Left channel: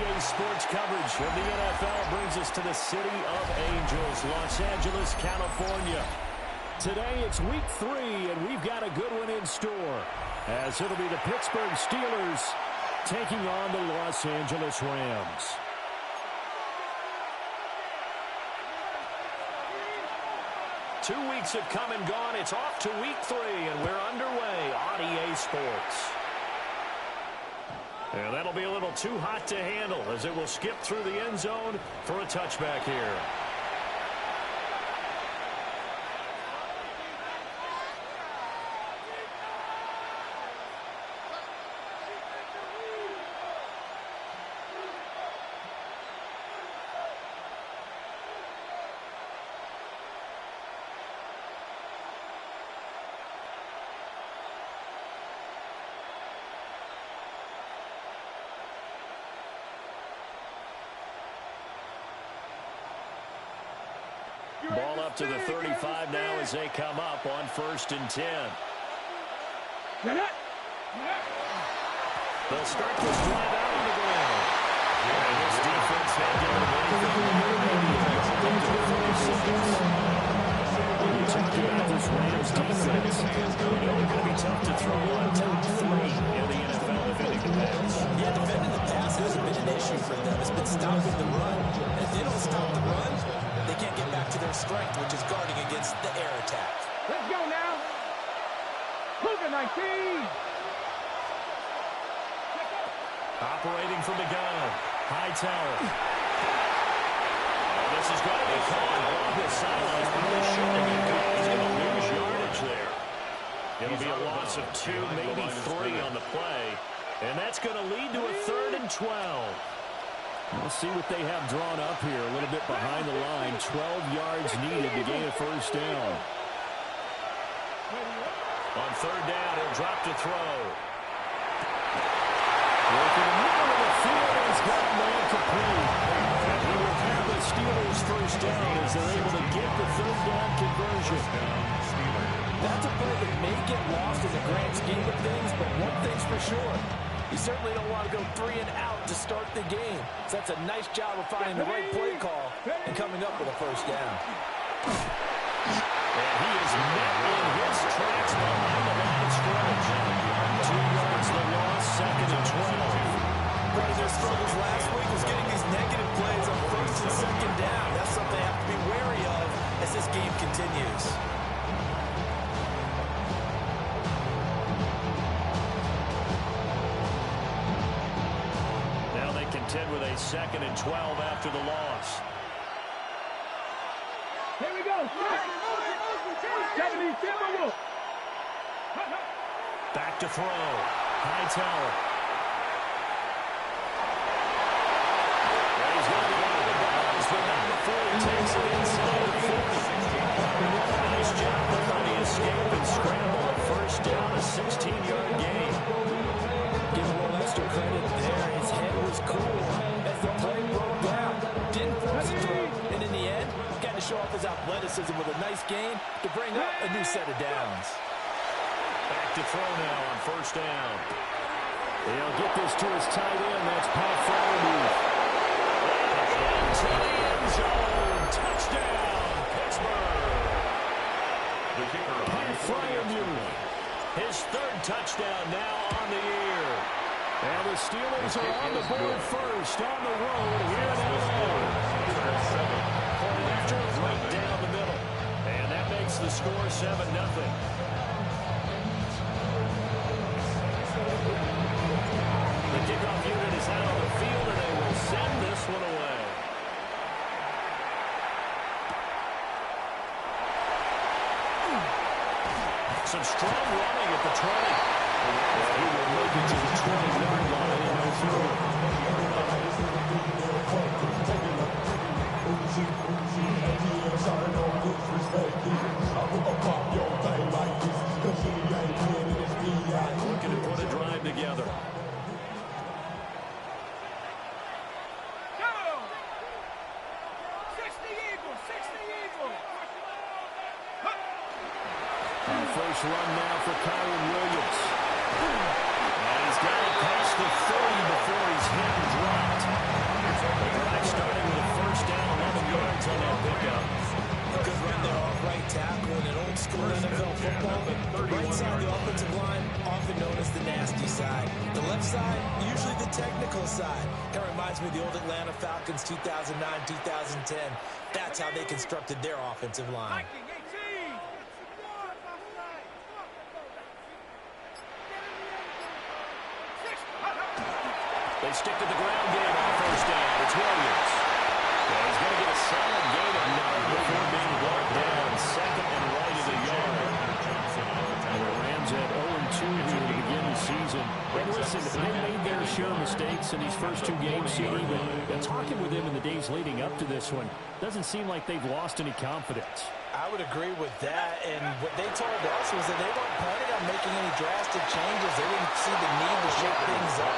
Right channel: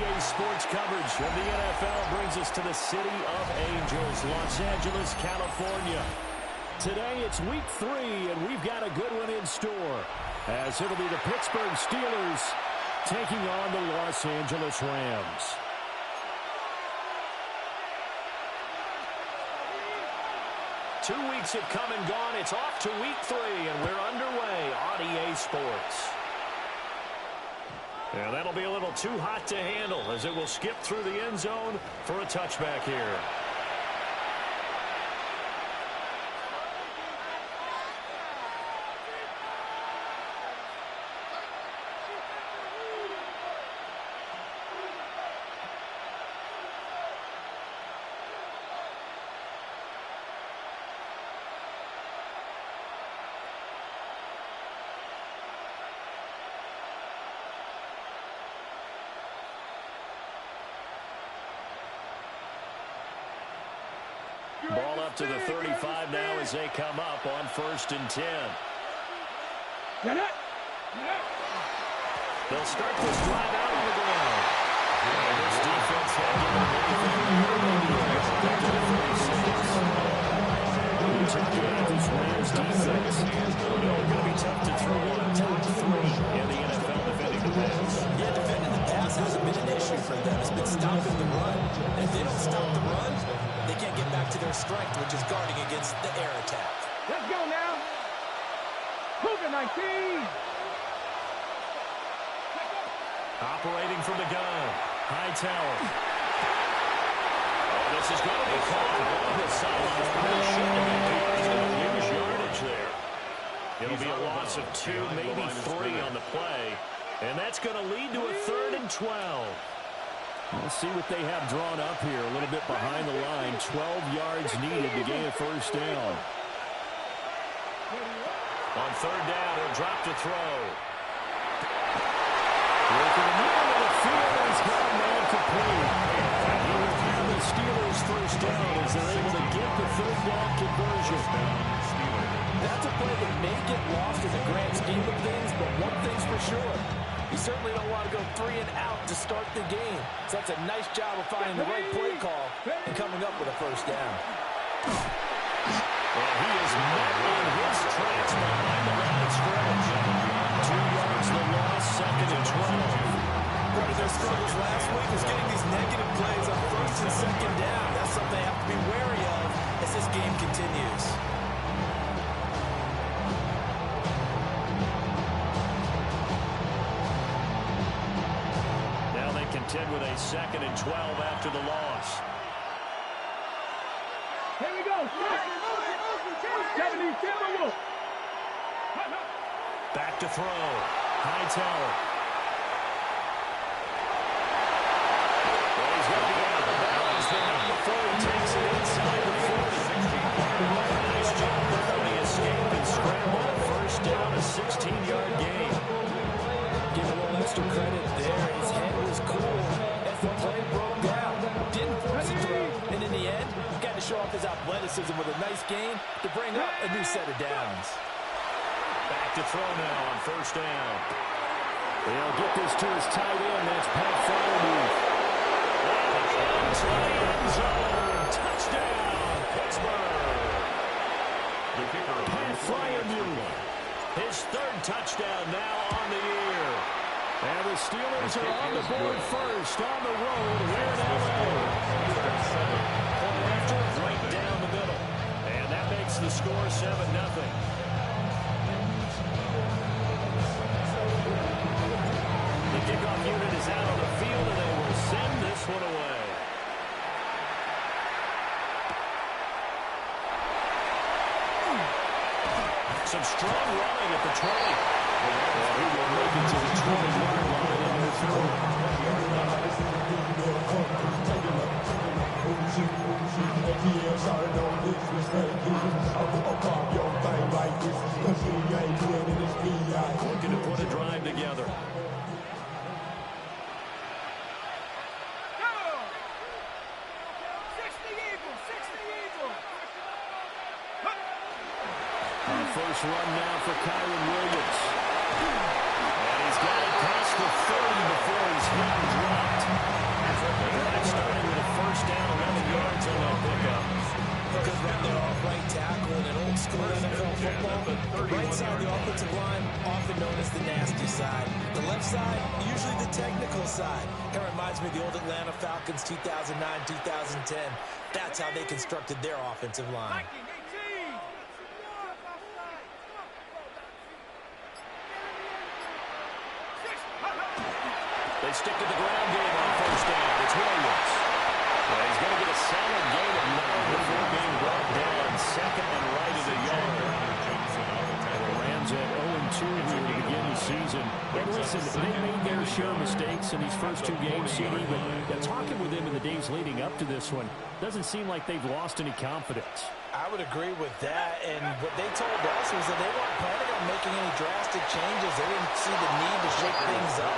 OTA Sports coverage of the NFL brings us to the City of Angels, Los Angeles, California. Today it's week 3, and we've got a good one in store, as it'll be the Pittsburgh Steelers taking on the Los Angeles Rams. Two weeks have come and gone. It's off to week 3, and we're underway on EA Sports. And that'll be a little too hot to handle as it will skip through the end zone for a touchback here. Ball up to the 35 now as they come up on 1st and 10. They'll start this drive out on the ground. And this defense had given them anything there. Maybe up to the 36. You talked about this Rams defense. You know they're going to be tough to throw on. Top 3 in the NFL defending the pass. Yeah, defending the pass hasn't been an issue for them. It's been stopping the run. And if they don't stop the run, they can't get back to their strength, which is guarding against the air attack. Let's go now. Cougar 19. Operating from the gun. Hightower. Oh, this is going to be caught along the sidelines. Probably shouldn't have been caught. He's going to lose yardage there. It'll be a loss of 2, maybe 3 on the play. And that's going to lead to a 3rd and 12. We'll see what they have drawn up here. A little bit behind the line. 12 yards needed to gain a 1st down. On 3rd down, he'll drop to throw. Working the middle of the field, he's got a man complete. And he will have the Steelers 1st down as they're able to get the 3rd down conversion. That's a play that may get lost in the grand scheme of things, but one thing's for sure. You certainly don't want to go 3 and out to start the game. So that's a nice job of finding the right play call and coming up with a 1st down. And he is met in his tracks behind the line of scrimmage. 2 yards the loss, 2nd and 12. Part of their struggles last week was getting these negative plays on 1st and 2nd down. That's something they have to be wary of as this game continues. Contend with a 2nd and 12 after the loss. Here we go. 70 Timberwolves. Back to throw. Hightower. Well, he's going to be out of the balance, but not before he takes it inside the 40. Nice job there on the escape and scramble. A 1st down, a 16-yard gain. Give him a little extra credit there. His head was cool as the play broke down. Didn't force a throw. And in the end, got to show off his athleticism with a nice gain to bring up a new set of downs. Back to throw now on 1st down. They'll get this to his tight end. That's Pat Freiermuth. And into the end zone. Touchdown, Pittsburgh. The kicker, Pat Freiermuth. His 3rd touchdown now on the year. And the Steelers are on the board first on the road here in L.A. Point after, right down the middle. And that makes the score 7-0. The kickoff unit is out on the field, and they will send this one away. Some strong running at the 20. Well, he will make it to the 20-yard line and no further. Looking to put a drive together. First run now for Kyren Williams. And he's got it past the 30 before he's hit and dropped. The drive starting with a first down, 11 yards on that pickup. A good run there off right tackle in an old school NFL football. The right side of the offensive line, often known as the nasty side. The left side, usually the technical side. Kind of reminds me of the old Atlanta Falcons 2009, 2010. That's how they constructed their offensive line. They stick to the ground game on first down. It's Williams. Yeah, he's going to get a solid gain of 9 before being brought down. Second and right at a yard. And the Rams at 0-2 here to begin the season. And listen, they made their share of mistakes in these first 2 games, CD, but talking with them in the days leading up to this one, doesn't seem like they've lost any confidence. I would agree with that, and what they told us was that they weren't planning on making any drastic changes. They didn't see the need to shake things up.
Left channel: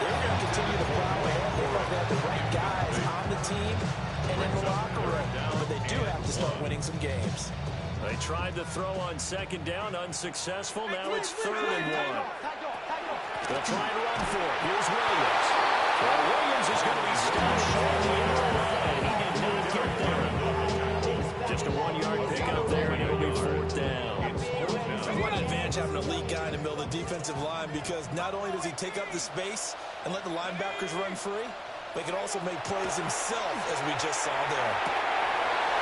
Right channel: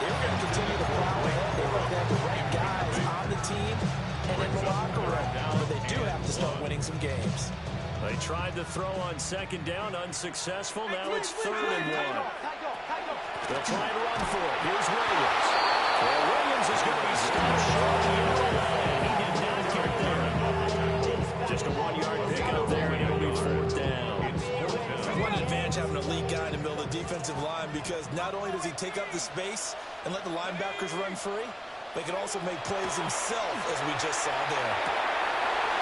They were going to continue to plow ahead. They thought they had the right guys on the team and in the locker room, but they do have to start winning some games. They tried to throw on second down, unsuccessful. Now it's 3rd and 1. They'll try and run for it. Here's Williams. Well, Williams is going to be stopped short of the arrowhead. He did not get there. Just a 1-yard pickup there, and it'll be 4th down. One advantage having an elite guy in the middle of the defensive line, because not only does he take up the space and let the linebackers run free, but he can also make plays himself, as we just saw there.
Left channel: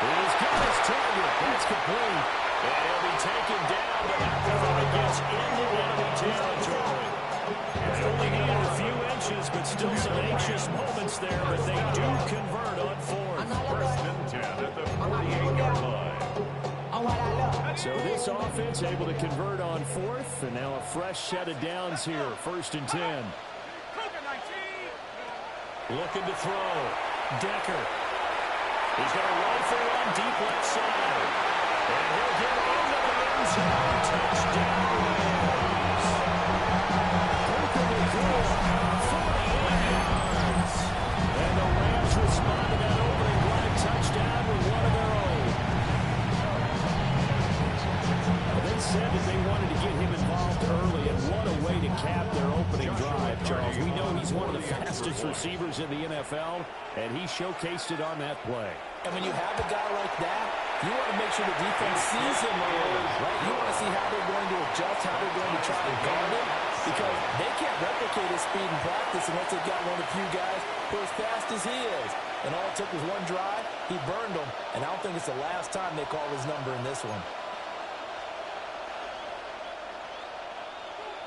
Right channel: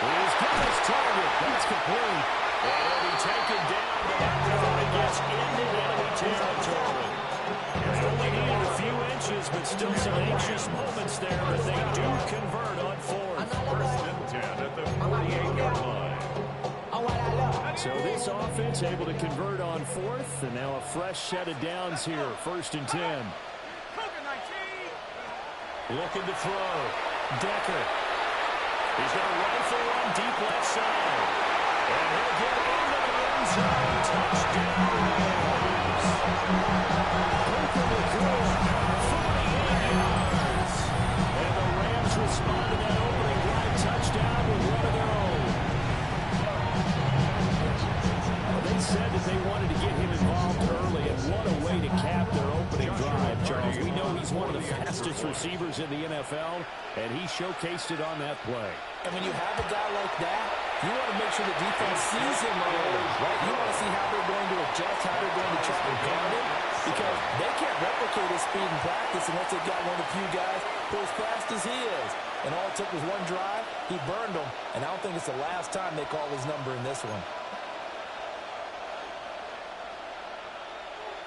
He's got his target. That's complete. And he'll be taken down, but not before he gets into enemy territory. They only needed a few inches, but still some anxious moments there, but they do convert on 4th. 1st and 10 at the 48-yard line. So this offense able to convert on 4th, and now a fresh set of downs here. 1st and 10. Looking to throw. Decker. He's going to rifle one deep left side. And he'll get into the end zone. Touchdown, Rams. Looking to throw. 48 yards. And the Rams respond to that opening drive touchdown with one of their own. They said that they wanted to get him involved early, and what a way to cap their opening drive, Charles. We know he's one of the fastest receivers in the NFL, and he showcased it on that play. And when you have a guy like that, you want to make sure the defense sees him early, right? You want to see how they're going to adjust, how they're going to try to guard him, because they can't replicate his speed in practice unless they've got one of the few guys who are as fast as he is. And all it took was one drive. He burned them, and I don't think it's the last time they call his number in this one.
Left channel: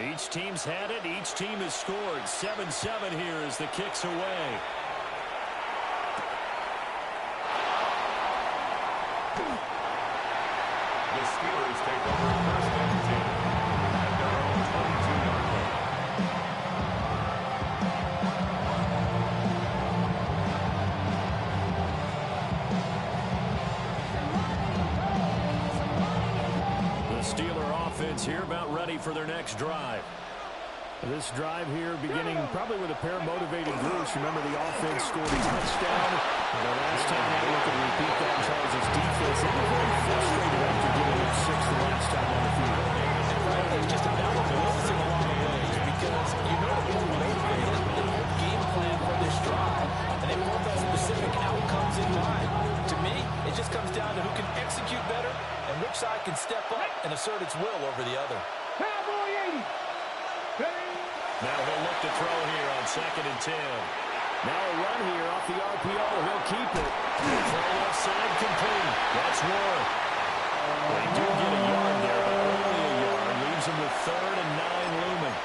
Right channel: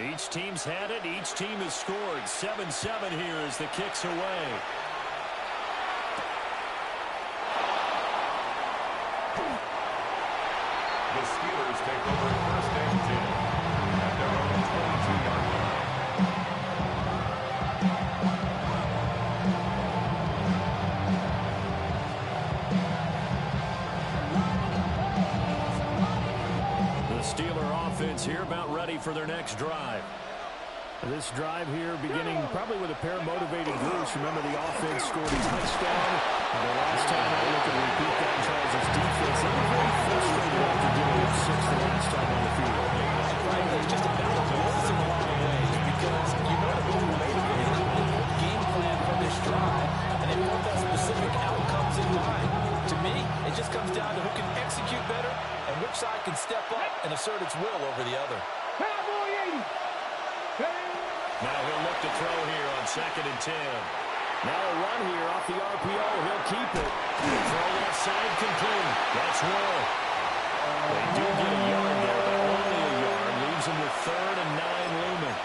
Each team's had it. Each team has scored. 7-7 here as the kick's away. The Steelers take over 1st and 10 at their own 22-yard line. The Steeler offense here about ready for their next drive. This drive here beginning probably with a pair of motivated groups. Remember, the offense scored a touchdown. The last time I look and repeat that, Charles' defense, they were very frustrated after giving up 6 the last time on the field. And frankly, it's just about the wills in a lot of ways, because you know that they're motivated. They put game plan for this drive, and they put that specific outcomes in mind. To me, it just comes down to who can execute better and which side can step up and assert its will over the other. Cowboy 80. Now he'll look to throw here on 2nd and 10. Now a run here off the RPO. He'll keep it. Throw left side complete. That's Warren. They do get a yard there, but only a yard. Leaves them with 3rd and 9 looming.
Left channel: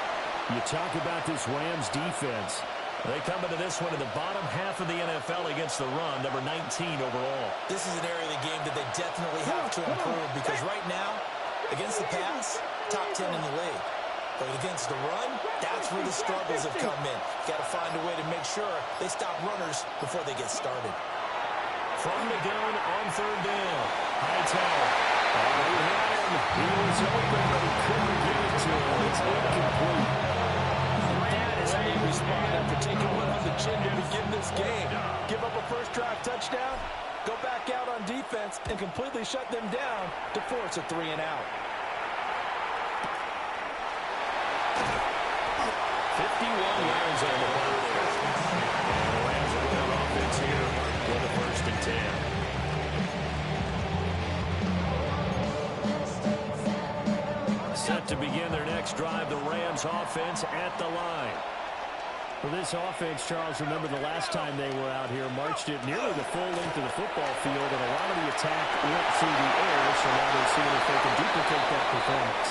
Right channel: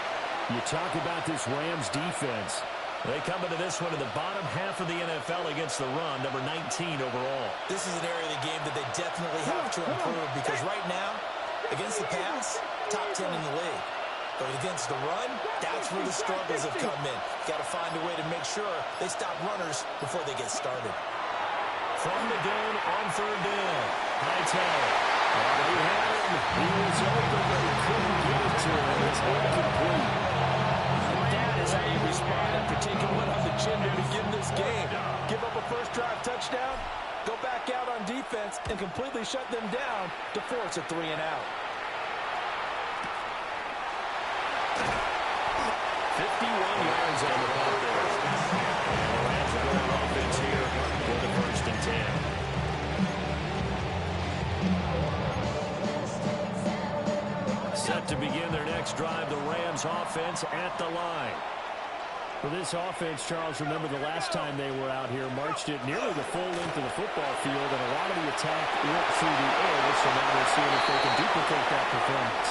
You talk about this Rams defense. They come into this one in the bottom half of the NFL against the run, number 19 overall. This is an area of the game that they definitely have to improve, because right now, against the pass, top 10 in the league. But against the run, that's where the struggles have come in. Got to find a way to make sure they stop runners before they get started. From the gun on 3rd down. Hightower. He had him. He was open, but he couldn't get it to him. It's incomplete. And that is how you respond after taking one on the chin to begin this game. Give up a first drive touchdown, go back out on defense, and completely shut them down to force a 3-and-out. 51 yards on the punt there. And the Rams are going offense here for the 1st and 10. Set to begin their next drive, the Rams offense at the line. For this offense, Charles, remember the last time they were out here, marched it nearly the full length of the football field, and a lot of the attack went through the air, so now they're seeing if they can duplicate that performance.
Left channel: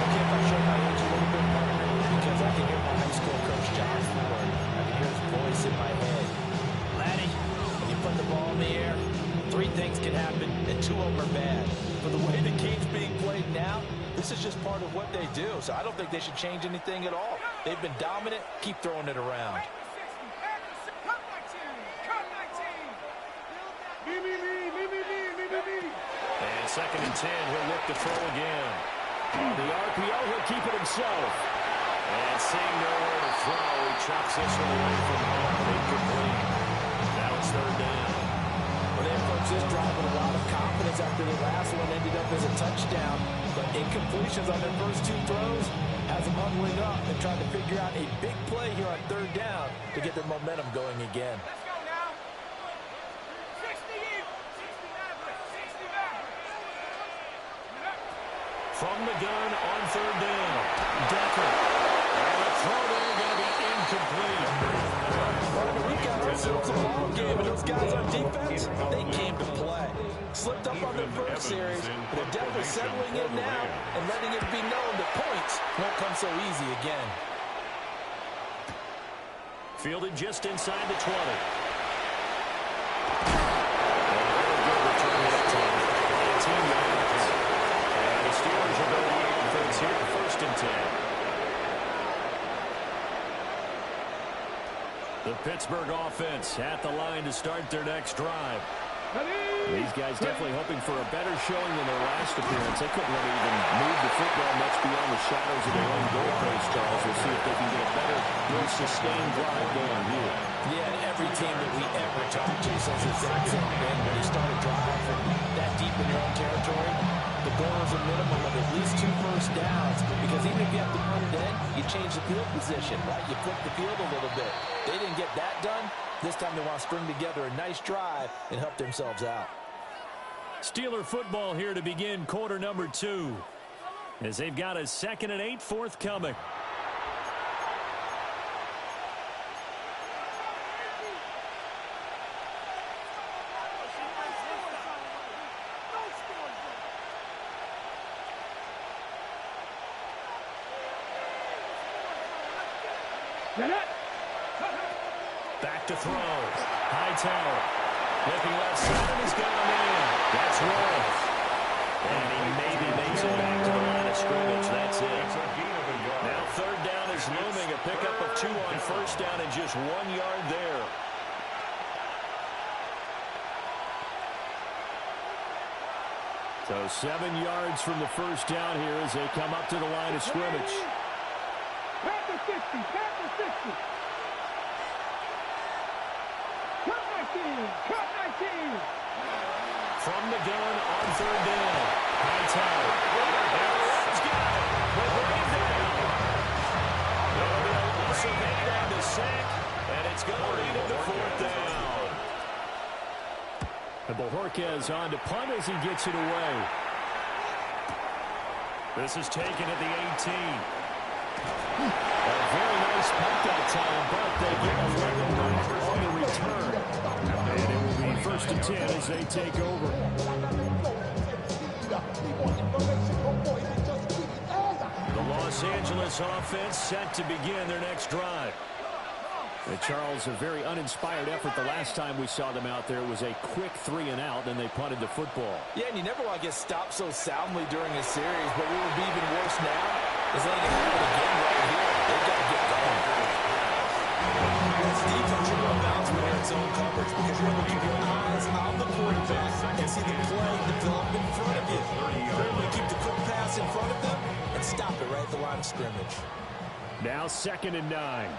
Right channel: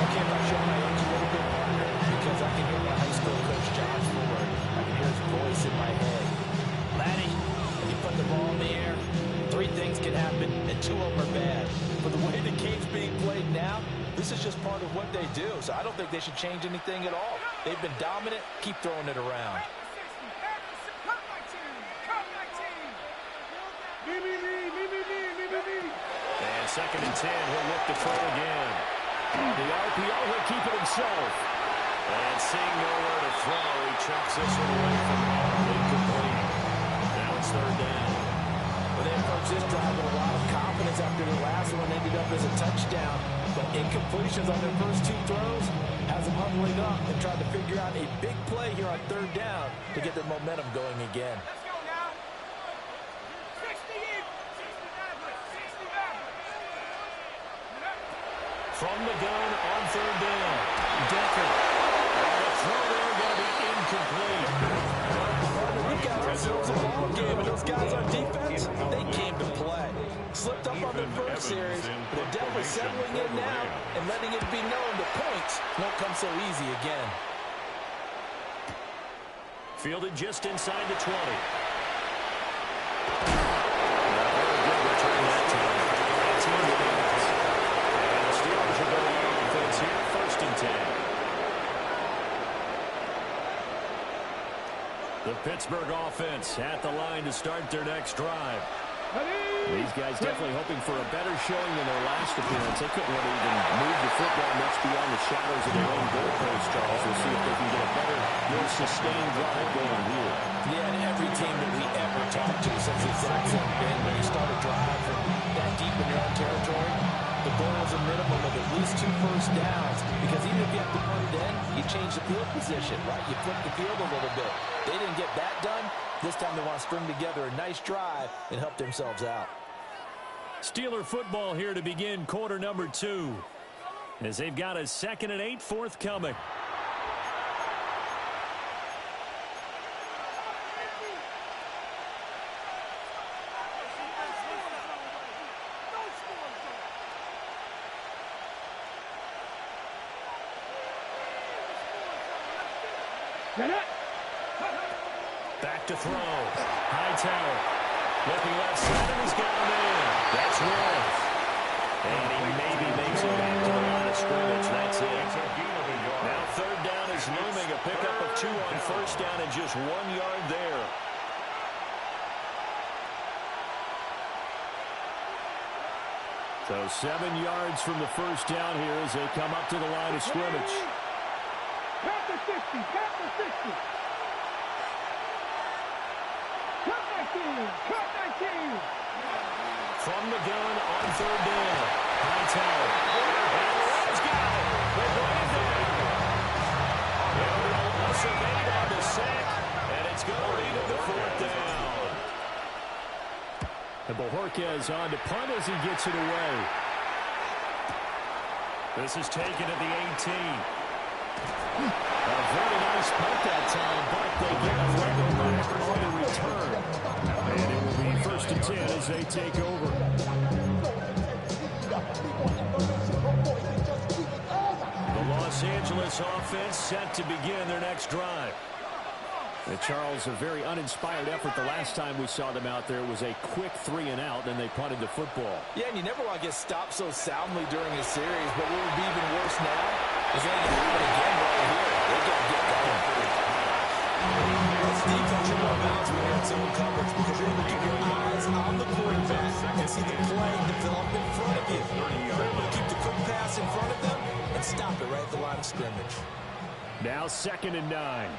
Okay, if I show my age a little bit, partner, because I can hear my high school coach, John Ford. I can hear his voice in my head. Laddie, when you put the ball in the air, 3 things can happen, and 2 of them are bad. For the way the game's being played now, this is just part of what they do, so I don't think they should change anything at all. They've been dominant. Keep throwing it around. And 2nd and 10, he'll look to throw again. On the RPO, he'll keep it himself. And seeing nowhere to throw, he chucks this one away from home. Incomplete. Now it's 3rd down. Well, they approached this drive with a lot of confidence after the last one ended up as a touchdown. But incompletions on their first 2 throws has them huddling up and trying to figure out a big play here on 3rd down to get their momentum going again. Let's go now. 60 in. 60 back. 60 back. From the gun on 3rd down. Decker. And the throw there going to be incomplete. We got ourselves a ball game, and those guys on defense, they came to play. Slipped up on their first series, but they're definitely settling in now and letting it be known that points won't come so easy again. Fielded just inside the 20. Very good return that time. 18 yards. And the Steelers are going to offense here, 1st and 10. The Pittsburgh offense at the line to start their next drive. These guys definitely hoping for a better showing than their last appearance. They couldn't really even move the football much beyond the shadows of their own goal post, Charles. We'll see if they can get a better, more sustained drive going here. Yeah, and every team that we ever talked to says the exact same thing. When you start a drive from that deep in your own territory, the goal is a minimum of at least 2 first downs, because even if you have to punt it in, you change the field position, right? You flip the field a little bit. They didn't get that done. This time they want to string together a nice drive and help themselves out. Steeler football here to begin quarter number 2, as they've got a 2nd and 8 forthcoming. Back to throw. Hightower. Looking left side, and he's got a man. That's Worth. And he maybe makes it back to the line of scrimmage. That's it. Now 3rd down is looming. A pickup of 2 on 1st down and just 1 yard there. So 7 yards from the 1st down here as they come up to the line of scrimmage. Pack the 60. Pack the 60. Cut 19. Cut 19. From the gun on 3rd down. Hightower. And the Rams got it. They bring it down. It'll be a loss of 8 on the sack, and it's going to lead him to 4th down. And Bojorquez on to punt as he gets it away. This is taken at the 18. A very nice punt that time, but they get a level back on the return. And it will be 1st and 10 as they take over. The Los Angeles offense set to begin their next drive. And Charles, a very uninspired effort the last time we saw them out there. It was a quick 3 and out, and they punted the football. Yeah, and you never want to get stopped so soundly during a series, but what would be even worse now is letting it happen again right here. They've got to get going. That's defense you're going to bounce when you're in zone coverage, because you're able to keep your eyes on the quarterback and see the play develop in front of you. You're able to keep the quick pass in front of them and stop it right at the line of scrimmage. Now 2nd and 9.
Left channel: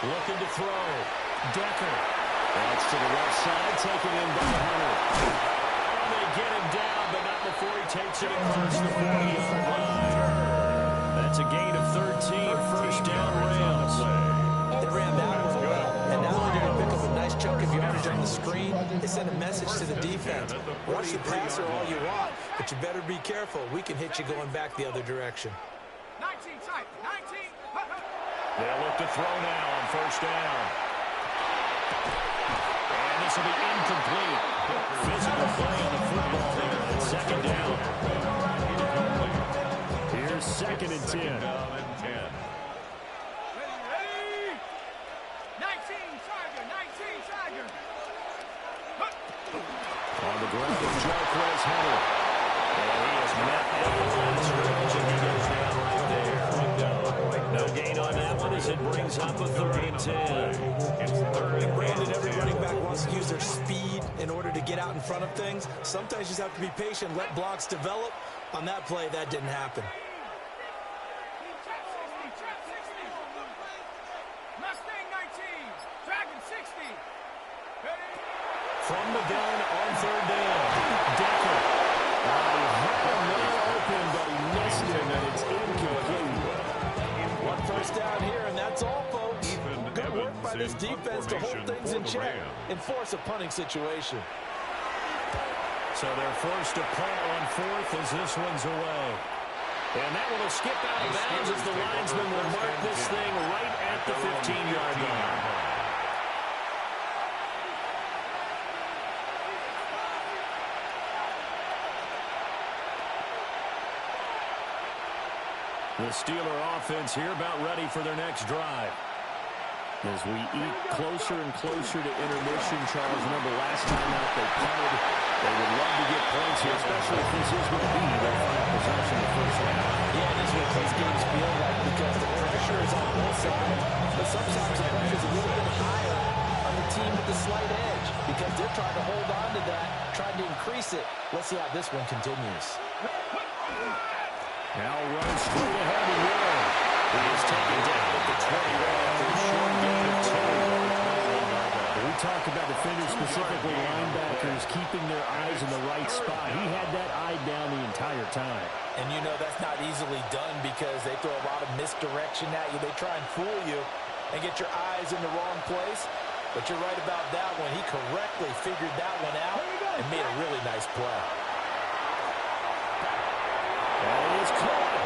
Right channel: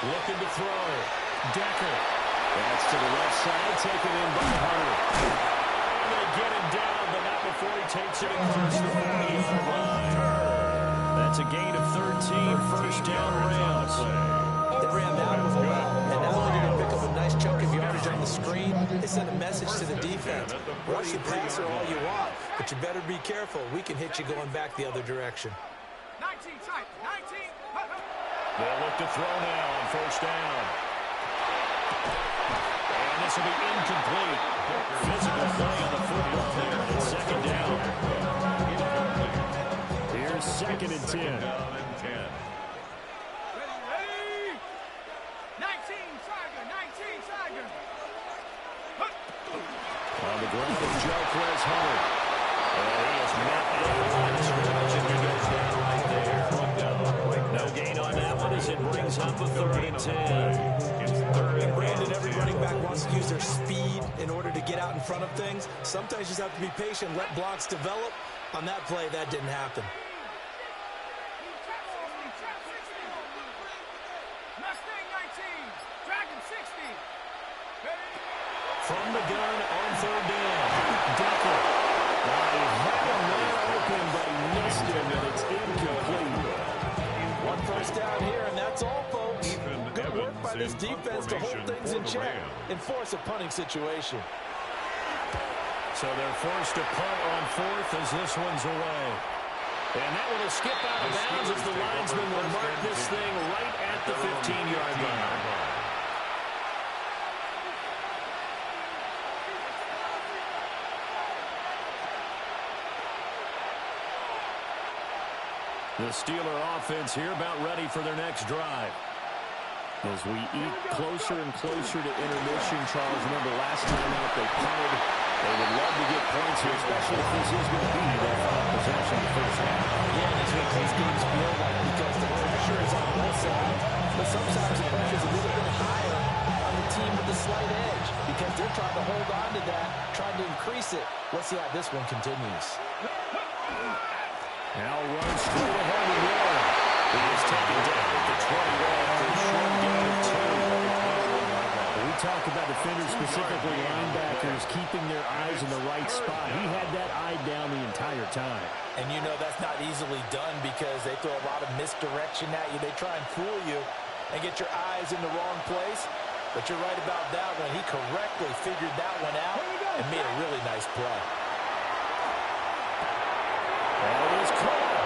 Looking to throw. Decker. That's to the left side, taken in by Hunter. And they get him down, but not before he takes it across the 40-yard line. That's a gain of 13, first down Rams. They ran that one well, and not only did they pick up a nice chunk of yardage on the screen, they sent a message to the defense. Rush the passer all you want, but you better be careful. We can hit you going back the other direction. 19 tight, 19. They'll look to throw now on first down. And this will be incomplete. Physical play on the football there, and it's second down. Here's second and 10. Ready, ready. 19 Tiger, 19 Tiger. On the ground is Jarquez Hunter. And he is met at the line of scrimmage, and he goes down right there. No gain on that one as it brings up a third and 10. And Brandon, every running back wants to use their speed in order to get out in front of things. Sometimes you just have to be patient, let blocks develop. On that play, that didn't happen. Trap 60, trap 60. Mustang 19, Dragon 60. Ready. From the gun on third down, Decker. He had a man open, but he missed him, and it's incomplete. One first down here, and that's all, folks. Good work by this defense to hold things in check and force a punting situation. So they're forced to punt on fourth as this one's away. And that one will skip out of bounds as the linesman will mark this thing right at the 15-yard line. The Steeler offense here about ready for their next drive. As we eat closer and closer to intermission, Charles, remember last time out they punted. They would love to get points here, especially if this is going to be their final possession in the first half. Yeah, this is what these games feel like because the pressure is on both sides, but sometimes the pressure is a little bit higher on the team with the slight edge because they're trying to hold on to that, trying to increase it. Let's see how this one continues. Now runs straight ahead with Warren. He is taken down at the 21 after a short gain of 2. We talk about defenders, specifically linebackers, keeping their eyes in the right spot. He had that eye down the entire time. And you know that's not easily done because they throw a lot of misdirection at you. They try and fool you and get your eyes in the wrong place. But you're right about that one. He correctly figured that one out and made a really nice play. And he's caught.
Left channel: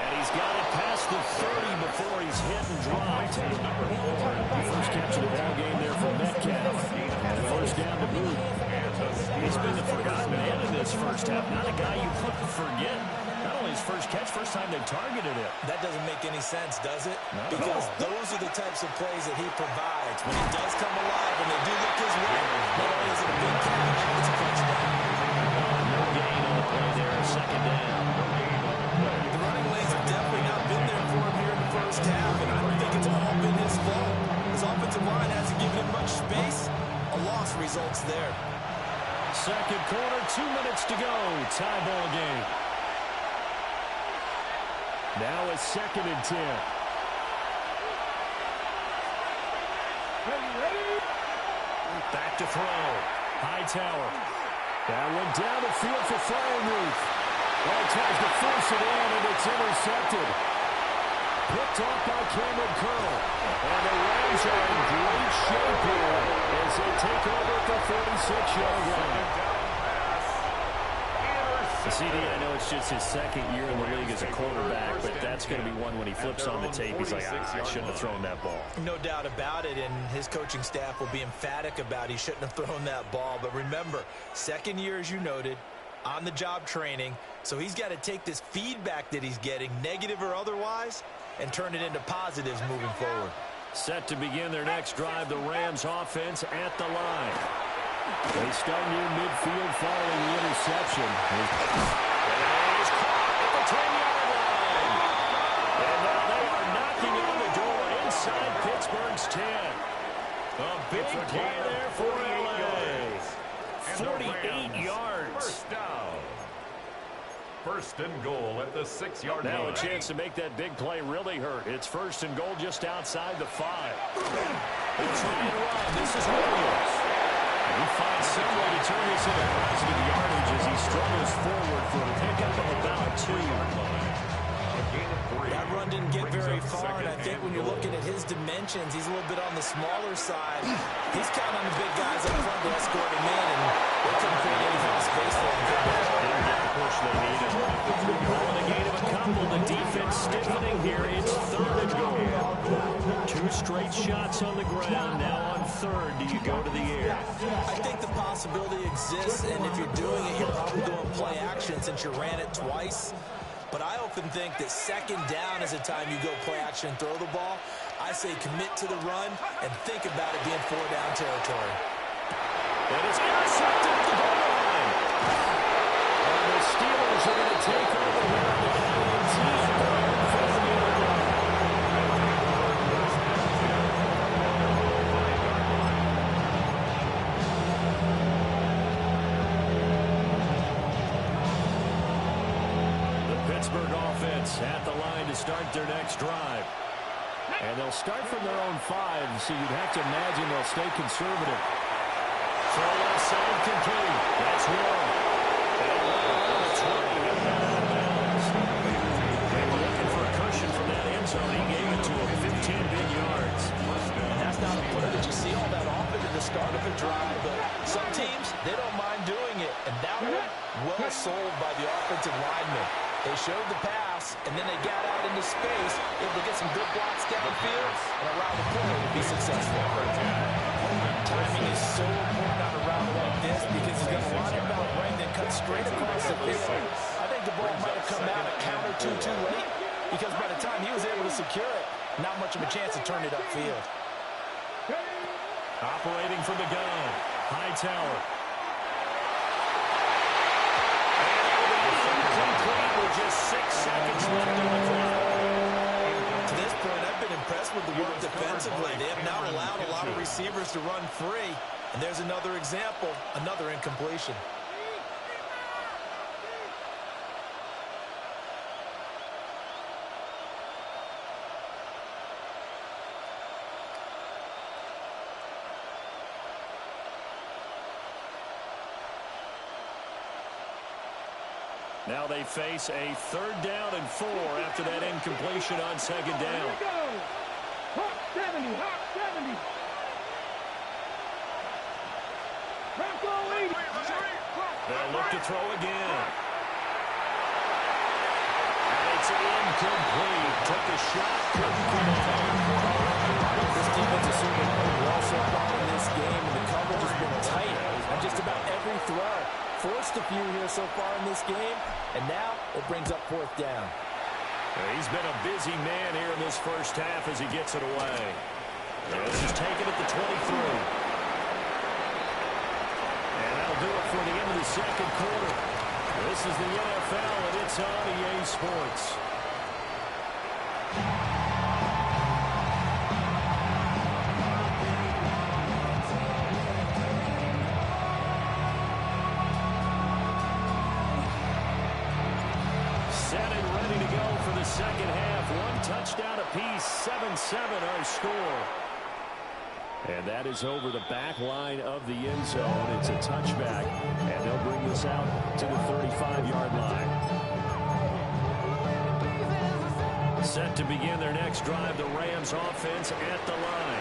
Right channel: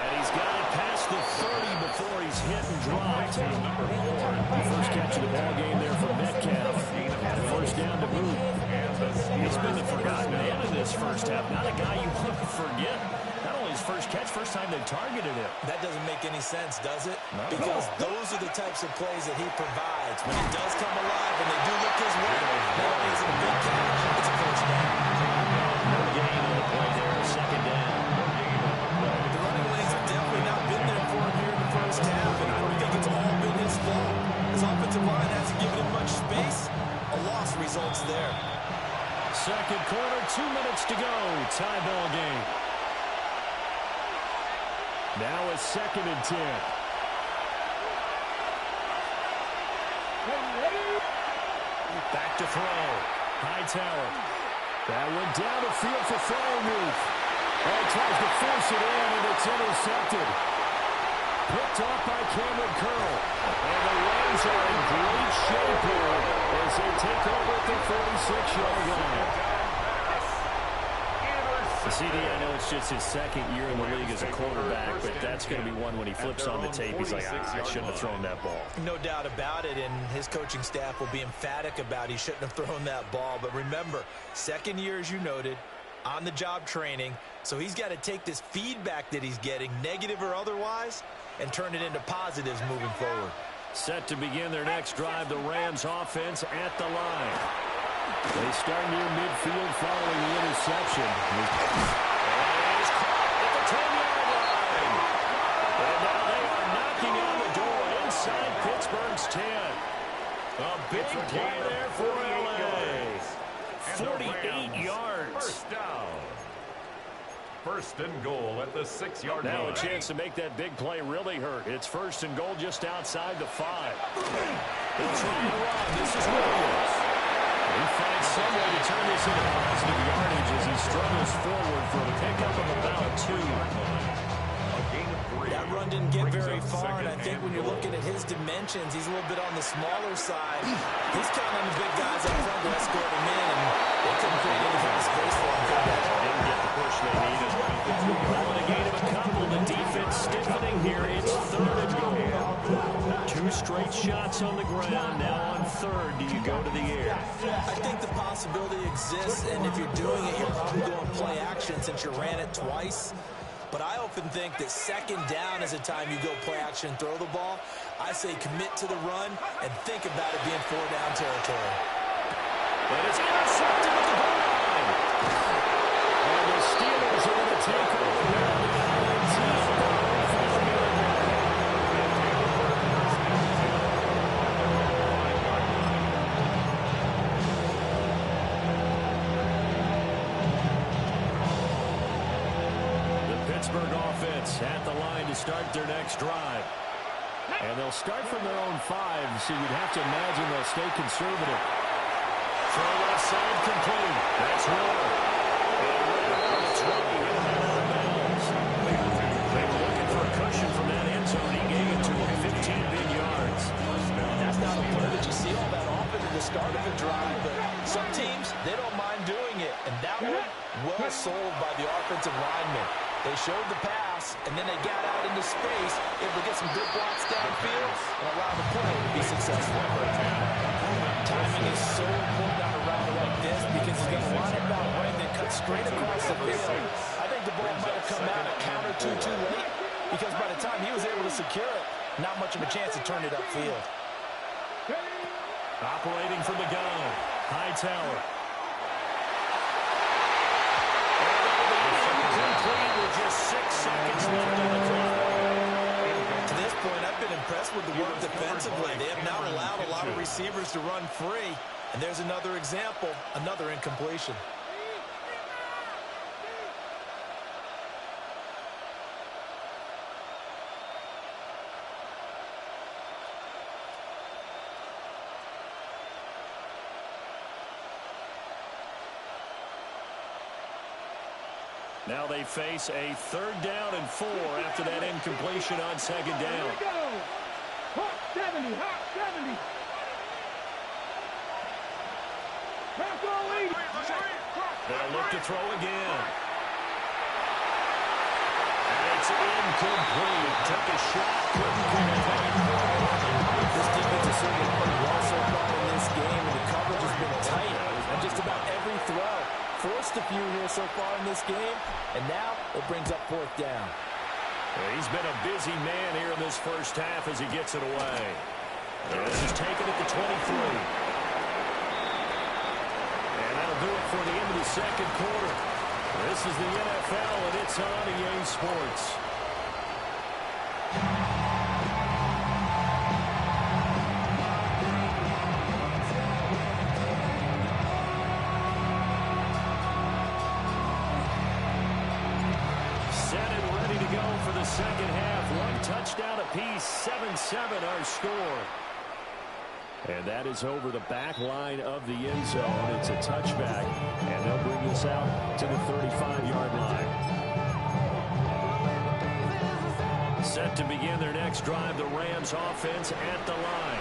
And he's got it past the 30 before he's hit and dropped. The first catch of the ball game there for Metcalf. And a first down to boot. He's been the forgotten man in this first half. Not a guy you want to forget. Not only his first catch, first time they targeted him. That doesn't make any sense, does it? Not at Because all. those are the types of plays that he provides. When he does come alive, when they do look his way, not only is it a big catch, it's a first down. No gain on the play there. Second down. The running lanes have definitely not been there for him here in the first half, and I don't think it's all been his fault. His offensive line hasn't given him much space. A loss results there. Second quarter, 2 minutes to go. Tie ball game. Now it's second and 10. Back to throw. Hightower. That one down the field for Freiermuth. Oh, tries to force it in, and it's intercepted. Picked off by Cameron Curl. And the Rams are in great shape here as they take over at the 46-yard line. CD, I know it's just his second year in the league as a quarterback, but that's going to be one when he flips on the tape, he's like, I shouldn't have thrown that ball. No doubt about it, and his coaching staff will be emphatic about he shouldn't have thrown that ball. But remember, second year, as you noted, on-the-job training, so he's got to take this feedback that he's getting, negative or otherwise, and turn it into positives moving forward. Set to begin their next drive, the Rams offense at the line. They start near midfield following the interception. And he's caught at the 10-yard line. And now they are knocking on the door inside Pittsburgh's 10. A big play there for LA. 48 yards. First down. First and goal at the 6-yard line. Now a chance to make that big play really hurt. It's first and goal just outside the 5. They'll try and run. This is Williams. He finds some way to turn this into positive yardage as he struggles forward for a pickup of about 2. That run didn't get very far, and I think when you're looking at his dimensions, he's a little bit on the smaller side. He's counting on the big guys up front to escort him in, and they couldn't create any kind of space for him. Didn't get the push they needed. Calling a gain of a couple. The defense stiffening here. It's 3rd and goal. 2 straight shots on the ground. Now on 3rd, do you go to the air? I think the possibility exists, and if you're doing it, you're probably going play action since you ran it twice. But I often think that 2nd down is a time you go play action and throw the ball. I say commit to the run and think about it being 4-down territory. And it's intercepted at the goal line. And the Steelers are going to take over here on the INT at their own 5-yard line. Pittsburgh offense at the line to start their next drive. And they'll start from their own 5, so you'd have to imagine they'll stay conservative. Throw left side complete. That's Warren. And right around the 20, he'll head out of bounds. They were looking for a cushion from that end zone. He gave it to him, 15 big yards. And that's not a play that you see all that often at the start of a drive, but some teams, they don't mind doing it. And that one, well sold by the offensive lineman. They showed the pass, and then they got out into space, able to get some good blocks downfield and allow the play to be successful. Timing is so important on a route like this because he's going to line up out right and then cut straight across the field. I think the ball might have come out a count or two too late because by the time he was able to secure it, not much of a chance to turn it upfield. Operating from the gun, Hightower. Complete with just 6 seconds left on the clock. To this point, I've been impressed with the work defensively. They have not allowed a lot of receivers to run free. And there's another example, another incompletion. Now they face a 3rd down and 4 after that incompletion on 2nd down. Here we go. Hawk 70, Hawk 70. Bronco 80. They'll look to throw again. And it's incomplete. Took a shot, couldn't connect. This defense has certainly played well so far in this game, and the coverage has been tight on just about every throw. Forced a few here so far in this game, and now it brings up 4th down. He's been a busy man here in this first half as he gets it away. This is taken at the 23. And that'll do it for the end of the 2nd quarter. This is the NFL, and it's on EA Sports. Set and ready to go for the 2nd half. 1 touchdown apiece, 7-7 our score. And that is over the back line of the end zone. It's a touchback, and they'll bring this out to the 35-yard line. Set to begin their next drive, the Rams offense at the line.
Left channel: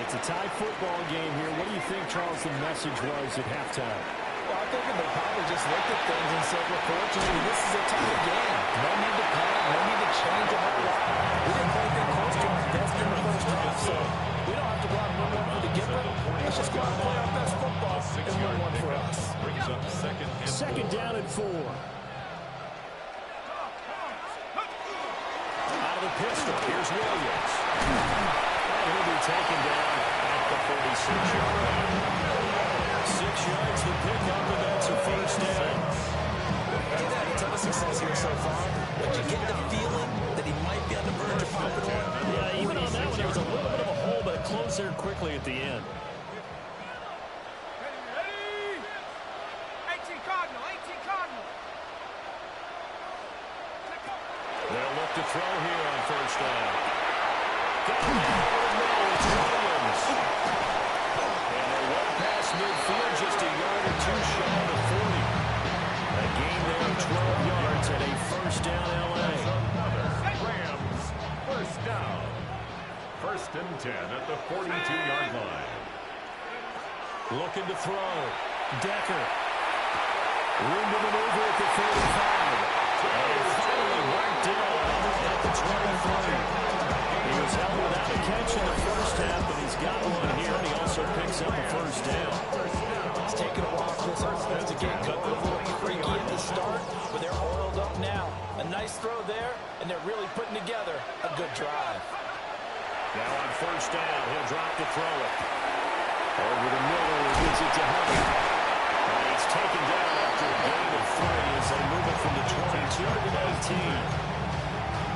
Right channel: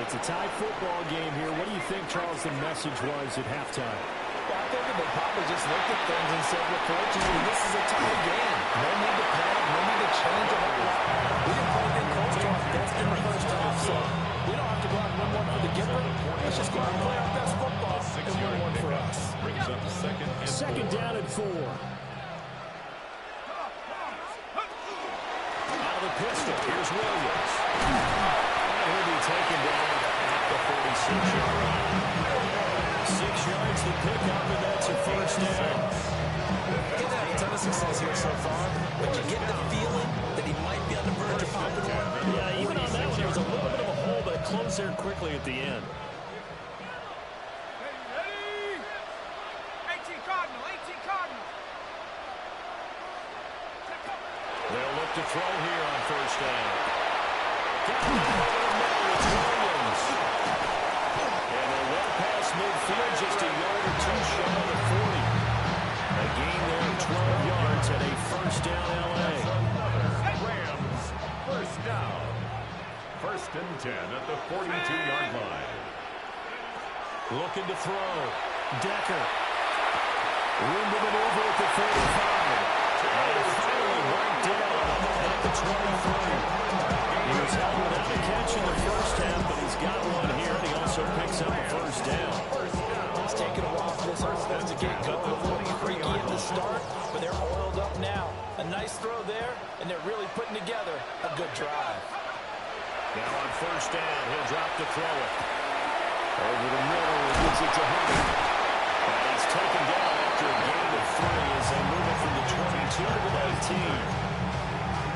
It's a tie football game here. What do you think, Charles, the message was at halftime? Well, I think that they probably just looked at things and said, well, fortunately, this is a tie game. No need to panic, no need to change a whole lot. We didn't play anything close to our best in the first half, so we don't have to go out and win one for the Gipper. Let's just go out and play our best football and win one for us. Brings up 2nd down and 4. Out of the pistol, here's Williams. And he'll be taken down at the 46-yard line. 6 yards the pickup, and that's a 1st down. He's had a ton of success here so far, but you get the feeling that he might be on the verge of popping one. Yeah, even on that one, there was a little bit of a hole, but it closed there quickly at the end. Ready? 18 Cardinal, 18 Cardinal. They'll look to throw here on 1st down. Got it over the middle. It's Williams. And they're well past across midfield, just a yard or two shy of the 40. A gain there of 12 yards and a first down L.A. Rams first down. 1st and 10 at the 42-yard line. Looking to throw. Decker. Room to maneuver at the 35. And finally marked down at the 23. He was held without a catch in the first half, but he's got one here, and he also picks up a first down. It's taken a while for this offense to get going. A little freaky at the start, but they're oiled up now. A nice throw there, and they're really putting together a good drive. Now on first down, he'll drop to throw it. Over the middle, he gets it to Hunter. And he's taken down after a gain of 3 as they move it from the 22 to the 18.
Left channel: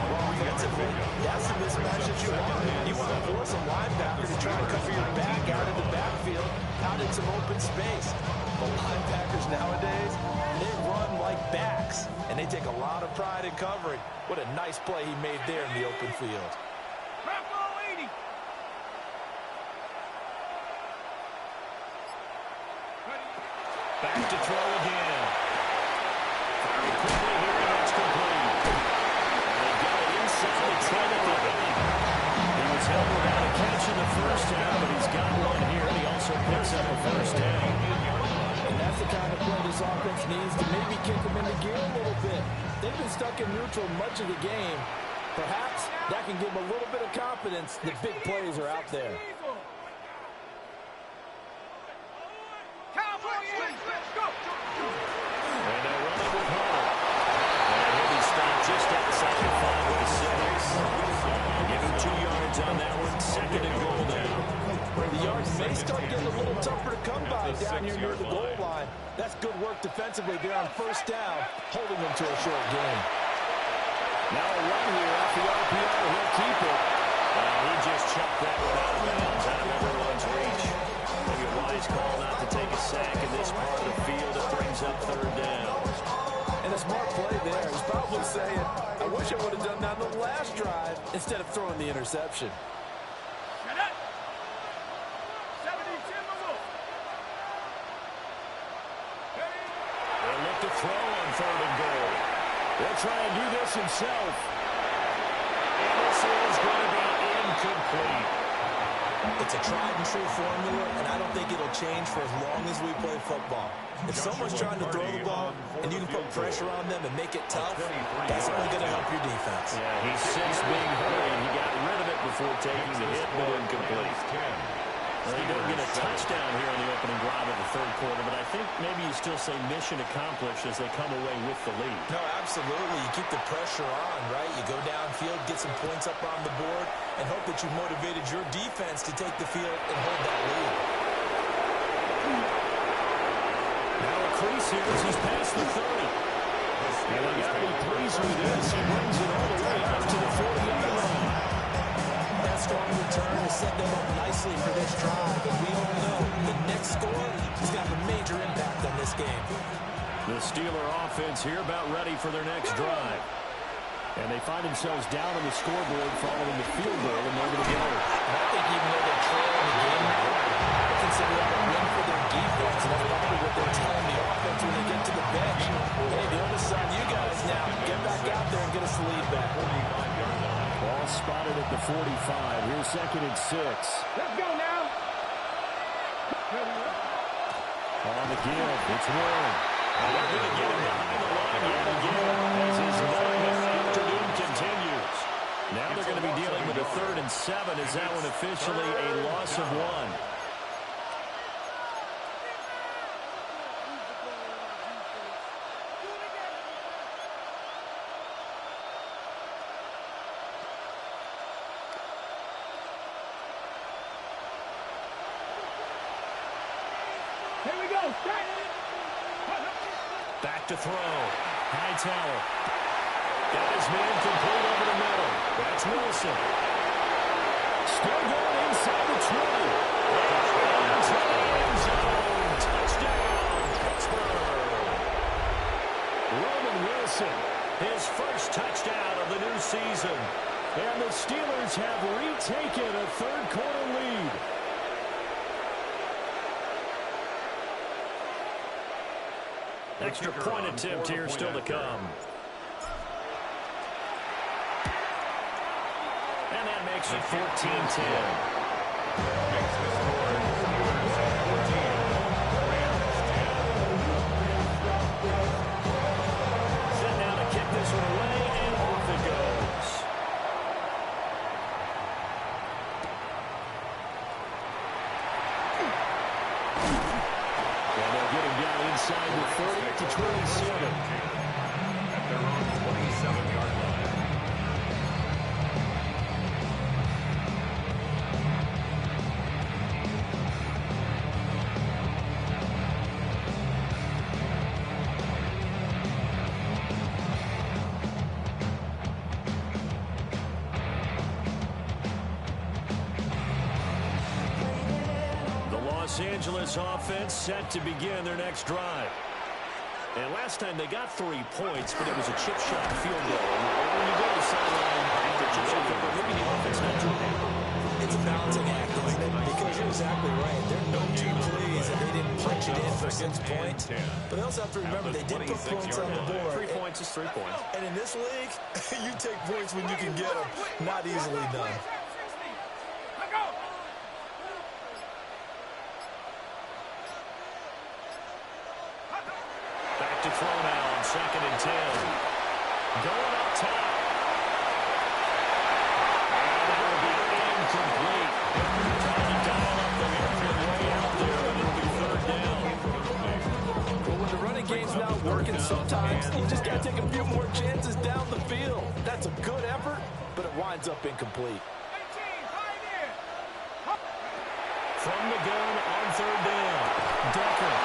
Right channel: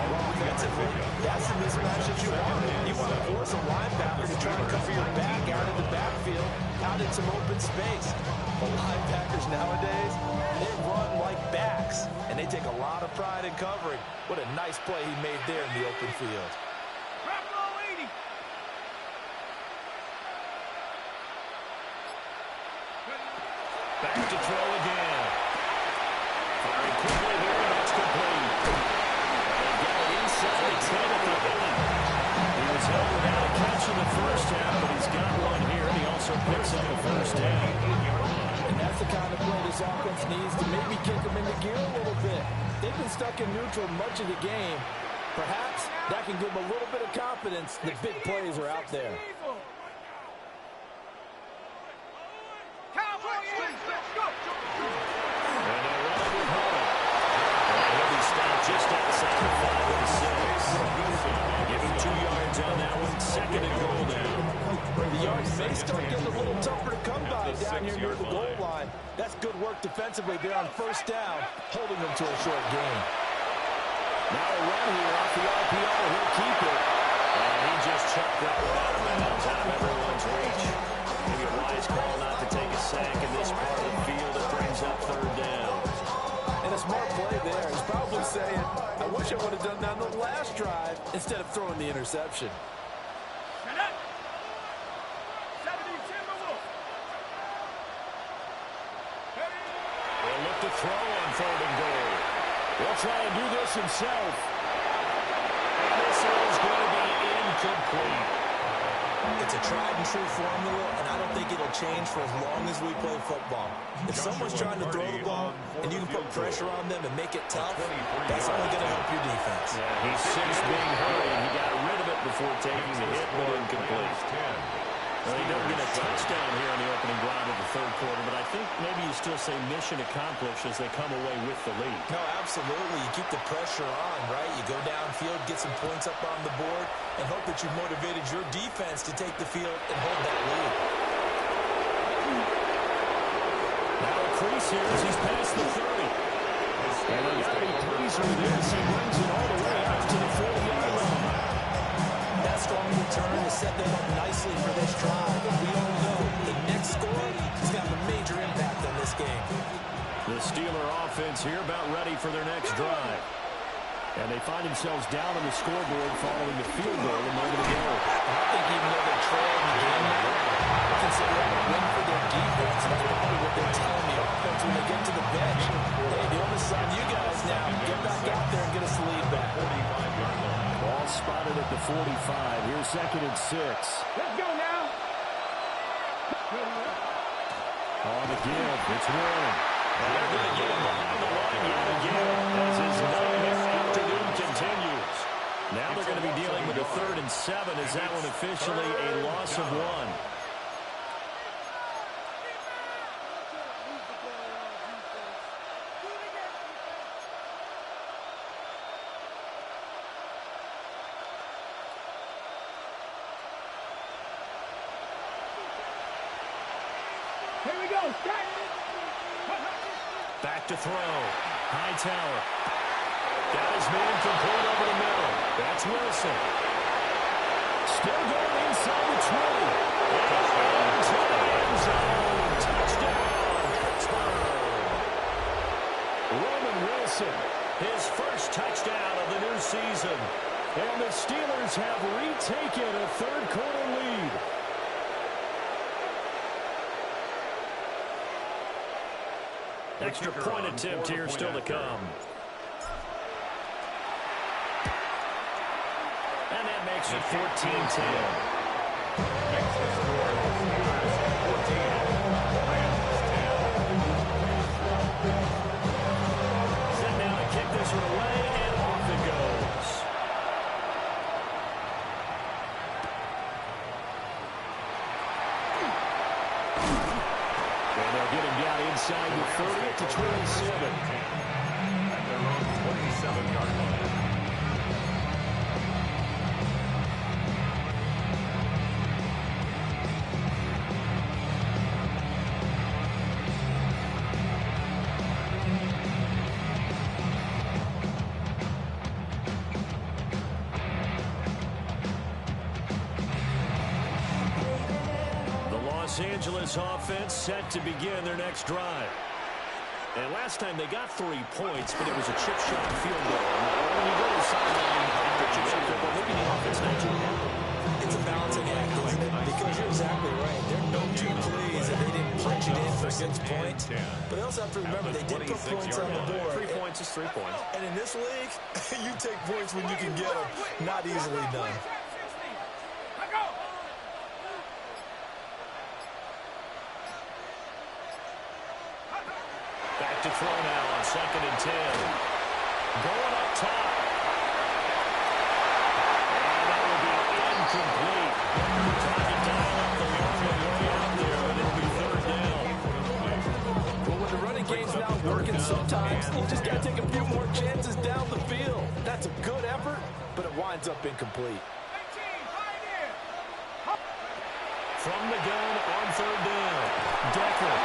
Offensively, that's the mismatch that you want. You want to force a linebacker to try and cover your back out in the backfield, out in some open space. But linebackers nowadays, they run like backs, and they take a lot of pride in covering. What a nice play he made there in the open field. Back to throw again. Firing quickly here, and that's complete. And they got it inside the 10 at the 8. He was held without a catch in the first half, but he's got one here, and he also picks up a first down. And that's the kind of play this offense needs to maybe kick them into gear a little bit. They've been stuck in neutral much of the game. Perhaps that can give them a little bit of confidence that big plays are out there. And they'll run it with Hunter. And he'll be stopped just outside the 5 with the 6. Give him 2 yards on that one. 2nd and goal now. The yards may start getting a little tougher to come by down here near the goal line. That's good work defensively there on first down, holding them to a short gain. Now a run here off the RPO. He'll keep it. And he just chucked that one out of bounds, out of everyone's reach. Maybe a wise call not to take a sack in this part of the field. It brings up 3rd down. And a smart play there. He's probably saying, I wish I would have done that on the last drive instead of throwing the interception. They'll look to throw on 3rd and goal. He'll try and do this himself. And this is going to be incomplete. It's a tried-and-true formula, and I don't think it'll change for as long as we play football. If someone's trying to throw the ball and you can put pressure on them and make it tough, that's only going to help your defense. Yeah, he's since being hurried. He got rid of it before taking the hit, but incomplete. Well, they don't get a touchdown here on the opening drive of the 3rd quarter, but I think maybe you still say mission accomplished as they come away with the lead. No, absolutely. You keep the pressure on, right? You go downfield, get some points up on the board, and hope that you've motivated your defense to take the field and hold that lead. Now a crease here as he's past the 30. And they got to be pleased with this. He brings it all the way out to the 40-yard line. That strong return has set them up nicely for this drive. And we all know the next score is going to have a major impact on this game. The Steeler offense here about ready for their next drive. And they find themselves down on the scoreboard following the field goal a moment ago. And I think even though they're trailing the game now, they consider that a win for their defense. And that's probably what they're telling the offense when they get to the bench. Hey, the onus is on you guys now. Get back out there and get us the lead back. Ball spotted at the 45. Here's 2nd and 6. Let's go now. On the give, it's Warren. And they're going to get him behind the line yet again as his nightmare afternoon continues. Now they're going to be dealing with a 3rd and 7. Is that one officially a loss of 1? Here we go. Back to throw. Hightower. Got his man complete over the middle. That's Wilson. Still going inside the 20. And into the end zone. Touchdown, Pittsburgh. Roman Wilson, his first touchdown of the new season. And the Steelers have retaken a 3rd quarter lead. Extra point attempt here still to come. And that makes it 14-10. Makes the score Steelers 14, Rams 10. Set now to kick this one away, and off it goes. And they'll get him down inside the 30 to 27. At their own 27-yard line. Los Angeles offense set to begin their next drive. And last time they got 3 points, but it was a chip shot field goal. And when you go to the sideline after a chip shot field goal, maybe the offense not too happy. It's a balancing act, isn't it? Because you're exactly right. They're no too pleased that they didn't punch it in for 6 points. But they also have to remember they did put points on the board. 3 points is 3 points. And in this league, you take points when you can get them. Not easily done. Back to throw now on 2nd and 10. Going up top. And that will be incomplete. Trying to dial up the long way out there, but it'll be 3rd down. Well, when the running game's not working sometimes, you just got to take a few more chances down the field. That's a good effort, but it winds up incomplete. From the gun on 3rd down. Decker.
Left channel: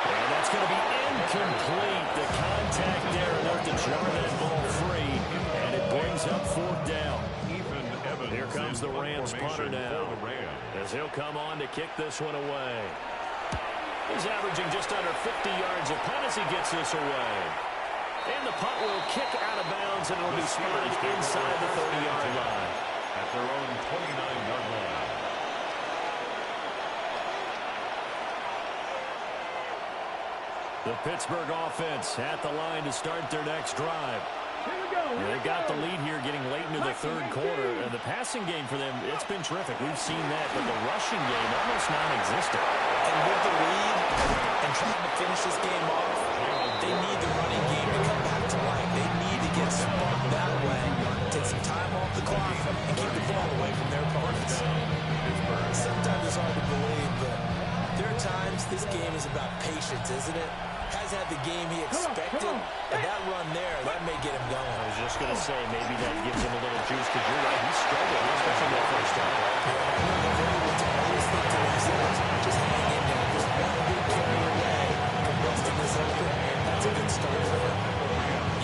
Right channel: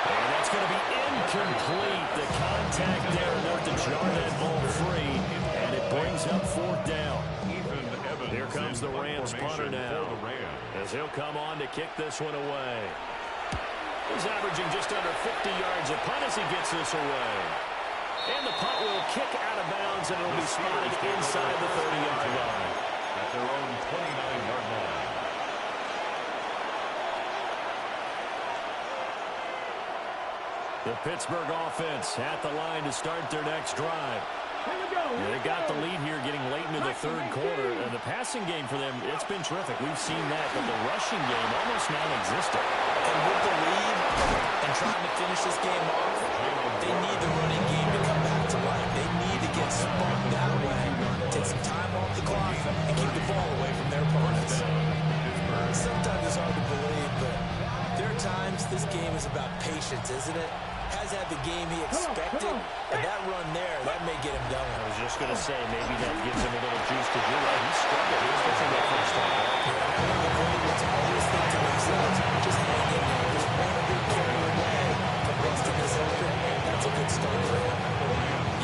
And that's going to be incomplete. The contact there enough to jar that ball free. And it brings up 4th down. Here comes the Rams punter now, as he'll come on to kick this one away. He's averaging just under 50 yards a punt as he gets this away. And the punt will kick out of bounds, and it'll be spotted inside the 30-yard line. At their own 29-yard line. The Pittsburgh offense at the line to start their next drive. They got the lead here getting late into the 3rd quarter. And the passing game for them, it's been terrific. We've seen that, but the rushing game almost non-existent. And with the lead and trying to finish this game off, they need the running game to come back to life. They need to get sparked that way, take some time off the clock, and keep the ball away from their opponents. Sometimes it's hard to believe, but there are times this game is about patience, isn't it? Has had the game he expected, and that run there, that may get him going. I was just going to say, maybe that gives him a little juice, because you're right, he struggled, especially in that first time. One of the great ones always think to themselves, just hang in there, just one big carry away from busting this open. That's a good start for him.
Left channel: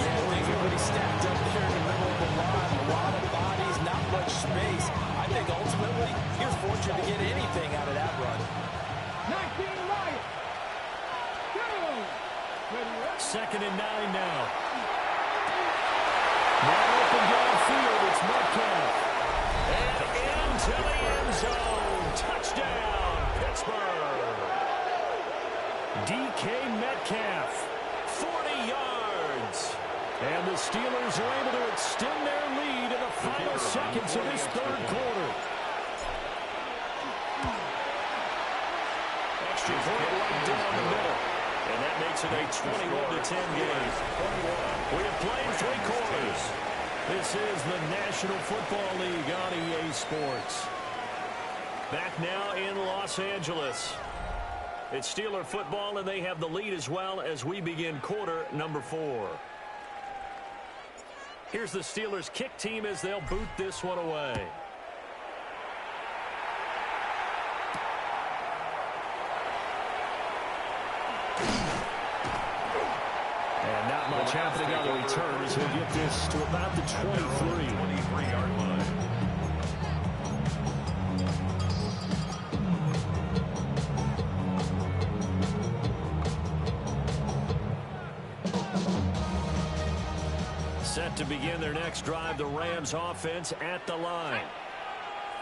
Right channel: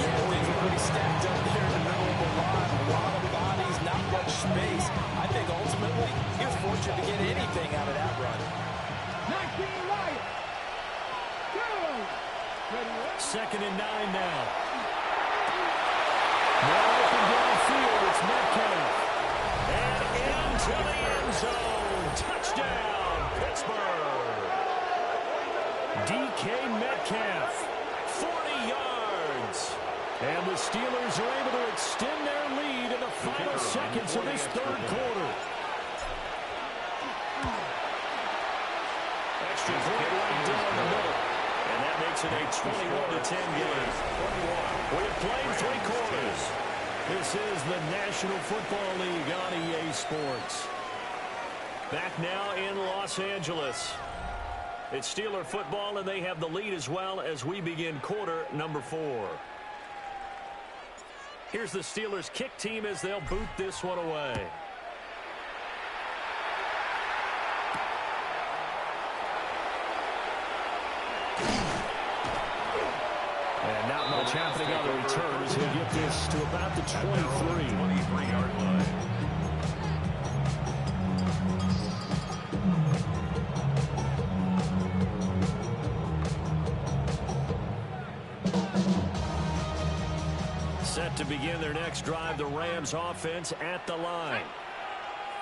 Yeah, things are pretty stacked up there in the middle of the line. A lot of bodies, not much space. I think ultimately, he was fortunate to get anything out of that run. 19 Lions. 2nd and 9 now. More open downfield. It's Metcalf. And into the end zone. Touchdown, Pittsburgh. DK Metcalf, 40 yards. And the Steelers are able to extend their lead in the final seconds of this 3rd quarter. Extra point right down the middle. And that makes it a 21-10 game. We have played 3 quarters. This is the National Football League on EA Sports. Back now in Los Angeles. It's Steeler football, and they have the lead as well as we begin quarter number 4. Here's the Steelers kick team as they'll boot this one away. And not much happening on the return as he'll get this to about the 23-yard line. Set to begin their next drive, the Rams offense at the line.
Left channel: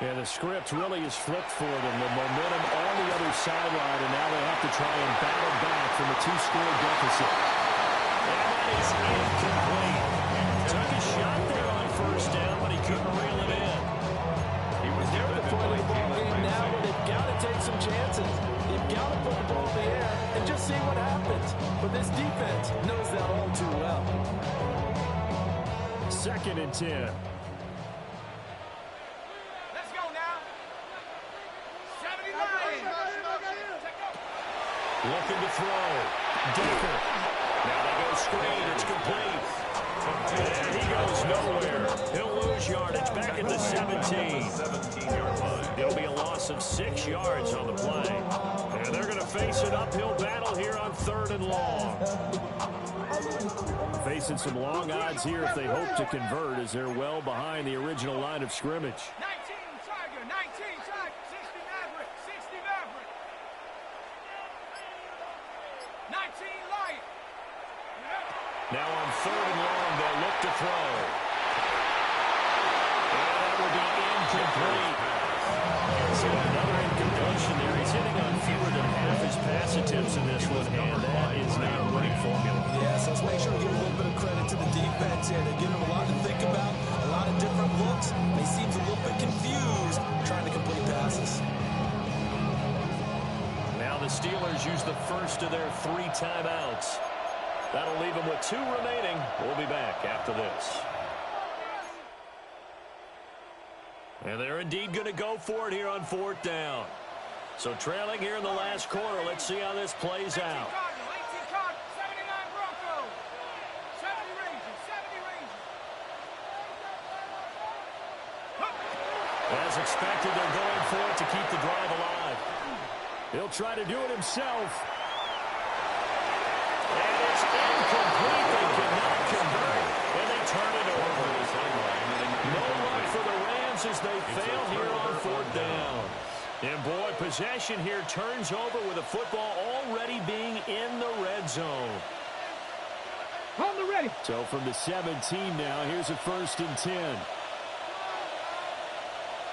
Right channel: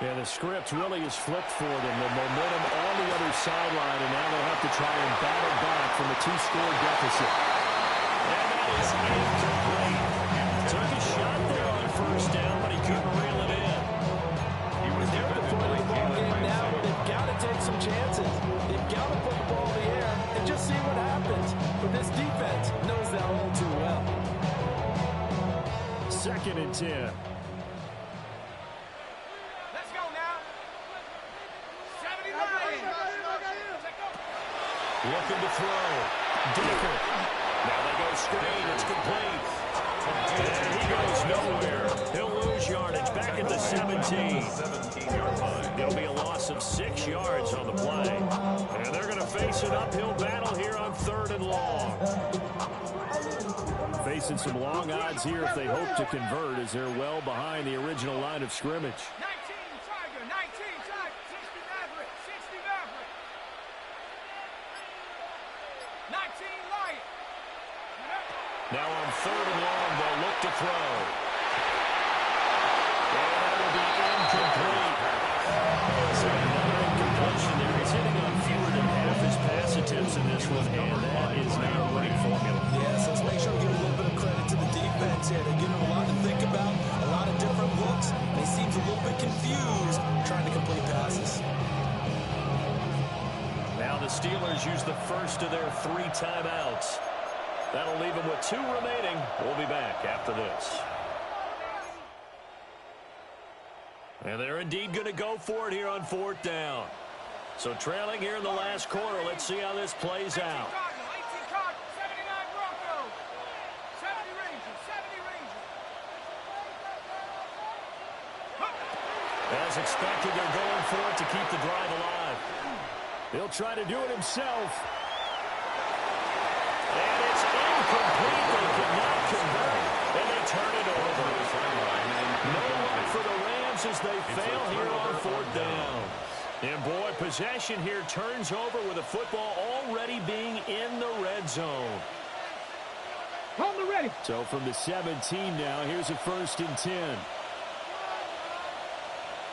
Yeah, the script really is flipped for them. The momentum on the other sideline, and now they have to try and battle back from a 2-score deficit. And that is incomplete. Took a shot there on first down, but he couldn't reel it in. They're at the point of the ball game now where they've got to take some chances. They've got to put the ball in the air and just see what happens. But this defense knows that all too well. 2nd and 10. Let's go now. 79. Looking to throw. Decker. Now they go screen. It's complete. And he goes nowhere. He'll lose yardage back at the 17. 17-yard line. It'll be a loss of 6 yards on the play. And they're going to face an uphill battle here on 3rd and long. Facing some long odds here if they hope to convert, as they're well behind the original line of scrimmage. 19 Tiger, 19 Tiger, 60 Maverick, 60 Maverick. 19 Lion. Now on 3rd and long, they'll look to throw. And that will be incomplete. So another incompletion there. He's hitting on fewer than half his pass attempts in this one, and that is not a winning formula. Yes, let's make sure we give a little bit of credit to the defense here. They're giving him a lot to think about, a lot of different looks, and he seems a little bit confused trying to complete passes. Now the Steelers use the first of their 3 timeouts. That'll leave them with 2 remaining. We'll be back after this. And they're indeed going to go for it here on 4th down. So trailing here in the last quarter. Let's see how this plays out. 18 Cardinal, 79 Broncos, 70 Rangers, 70 Rangers. As expected, they're going for it to keep the drive alive. He'll try to do it himself. And it's incomplete. They cannot convert. And they turn it over. No luck for the Rams as they fail here on 4th down. And boy, possession here turns over with the football already being in the red zone. Hold the ready. So from the 17 now, here's a 1st and 10.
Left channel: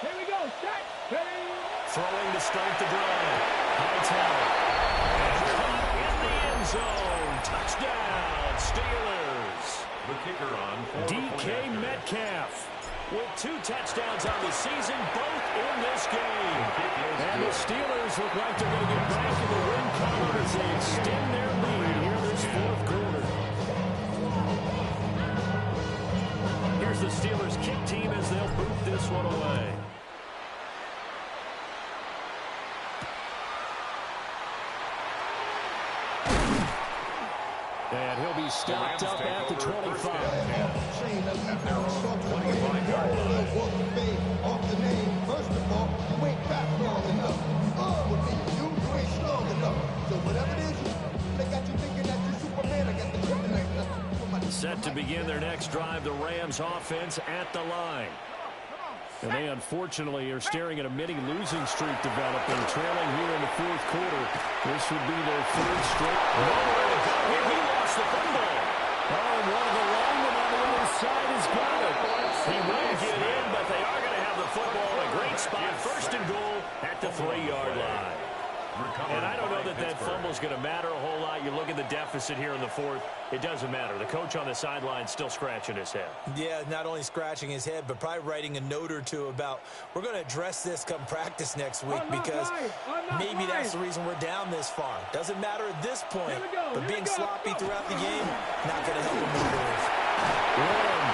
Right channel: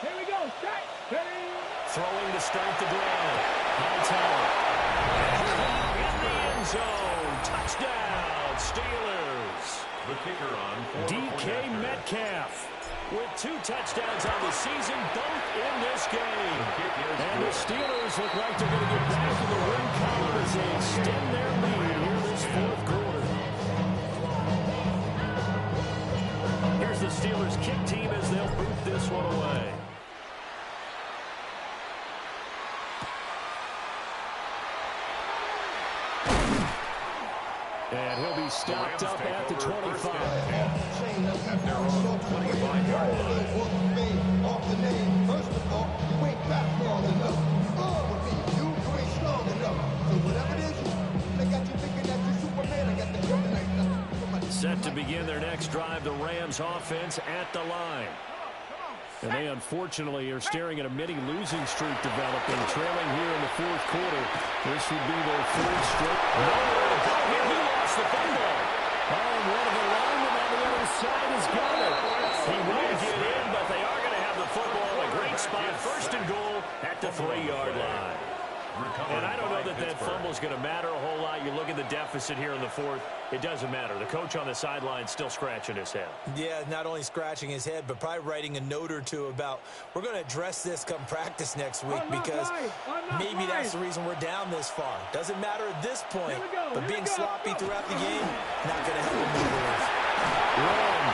Here we go. Set. Ready. Throwing to start the drive. Hightower. And caught in the end zone. Touchdown, Steelers. The kicker on DK Metcalf with 2 touchdowns on the season, both in this game. And the Steelers look like they're going to get back in the win column as they extend their lead here this 4th quarter. Here's the Steelers kick team as they'll boot this one away. And he'll be stopped up at the 25. At their own 25-yard line. Off the name, first of all, you ain't back long enough. With me, you ain't strong enough. So whatever it is, they got you thinking that you Superman. I got the kryptonite. Set to begin their next drive, the Rams offense at the line. And they unfortunately are staring at a mini-losing streak developing, trailing here in the 4th quarter. This would be their 3rd straight. Nowhere to go here. He lost the football. Oh, and one of the linemen on the other side has got it. He won't get in, but they are going to have the football in a great spot. 1st and goal at the 3-yard line. And I don't know that that fumble is going to matter a whole lot. You look at the deficit here in the 4th. It doesn't matter. The coach on the sideline still scratching his head. Yeah, not only scratching his head, but probably writing a note or two about we're going to address this come practice next week because maybe that's the reason we're down this far. Doesn't matter at this point, but being sloppy throughout the game, not going to help him improve. Run.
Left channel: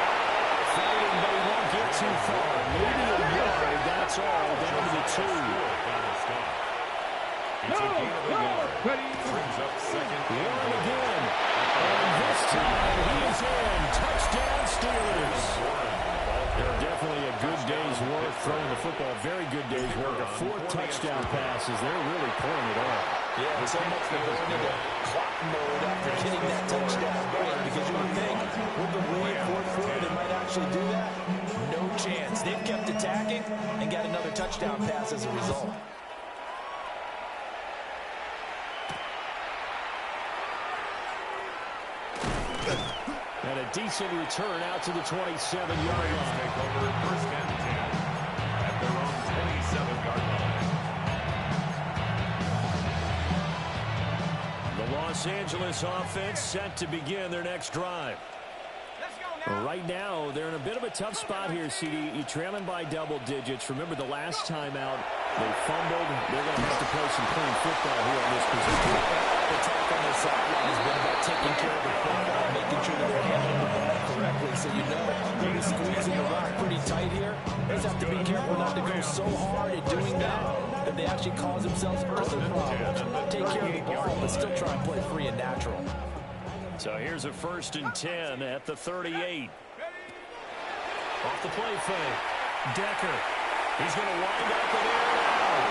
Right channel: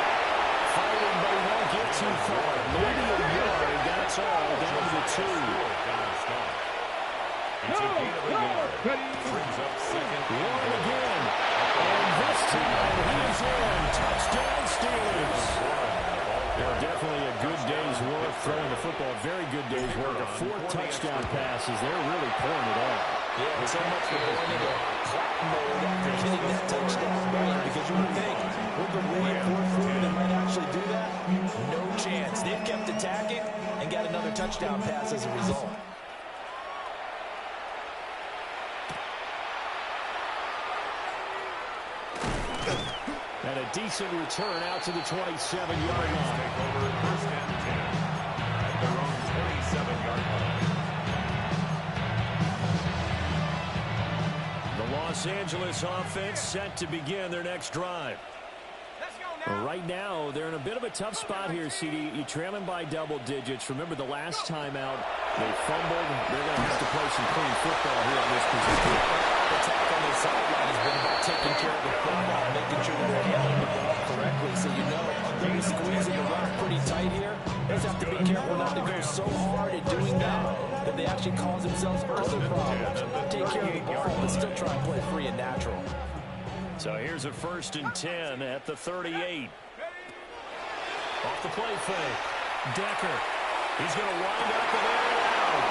Fighting, but he won't get too far. Maybe a yard, that's all, down to the 2. It's a gain of a yard. Brings up 2nd and Warren again. And this time he is in. Touchdown, Steelers. Definitely a good day's work throwing the football. Very good day's work. A 4th touchdown passes. They're really pouring it on. Yeah, so much for going into clock mode after getting that touchdown right, because you would think with the lead 4th quarter they might actually do that. No chance. They've kept attacking and got another touchdown pass as a result. And a decent return out to the 27-yard line. Take over 1st and 10 at their own The Los Angeles offense set to begin their next drive. Right now, they're in a bit of a tough spot here, CD. You're trailing by double digits. Remember the last time out, they fumbled. They're going to have to play some clean football here on this possession. The attack on their sideline has been about taking care of the football, making sure that they're handling the ball correctly. So you know they'll be squeezing the rock pretty tight here. They just have to be careful not to go so hard at doing that they actually cause themselves other problems. Take care of the ball, but still try and play free and natural. So here's a 1st and 10 at the 38. Off the play fake. Decker. He's going to wind up and air it out.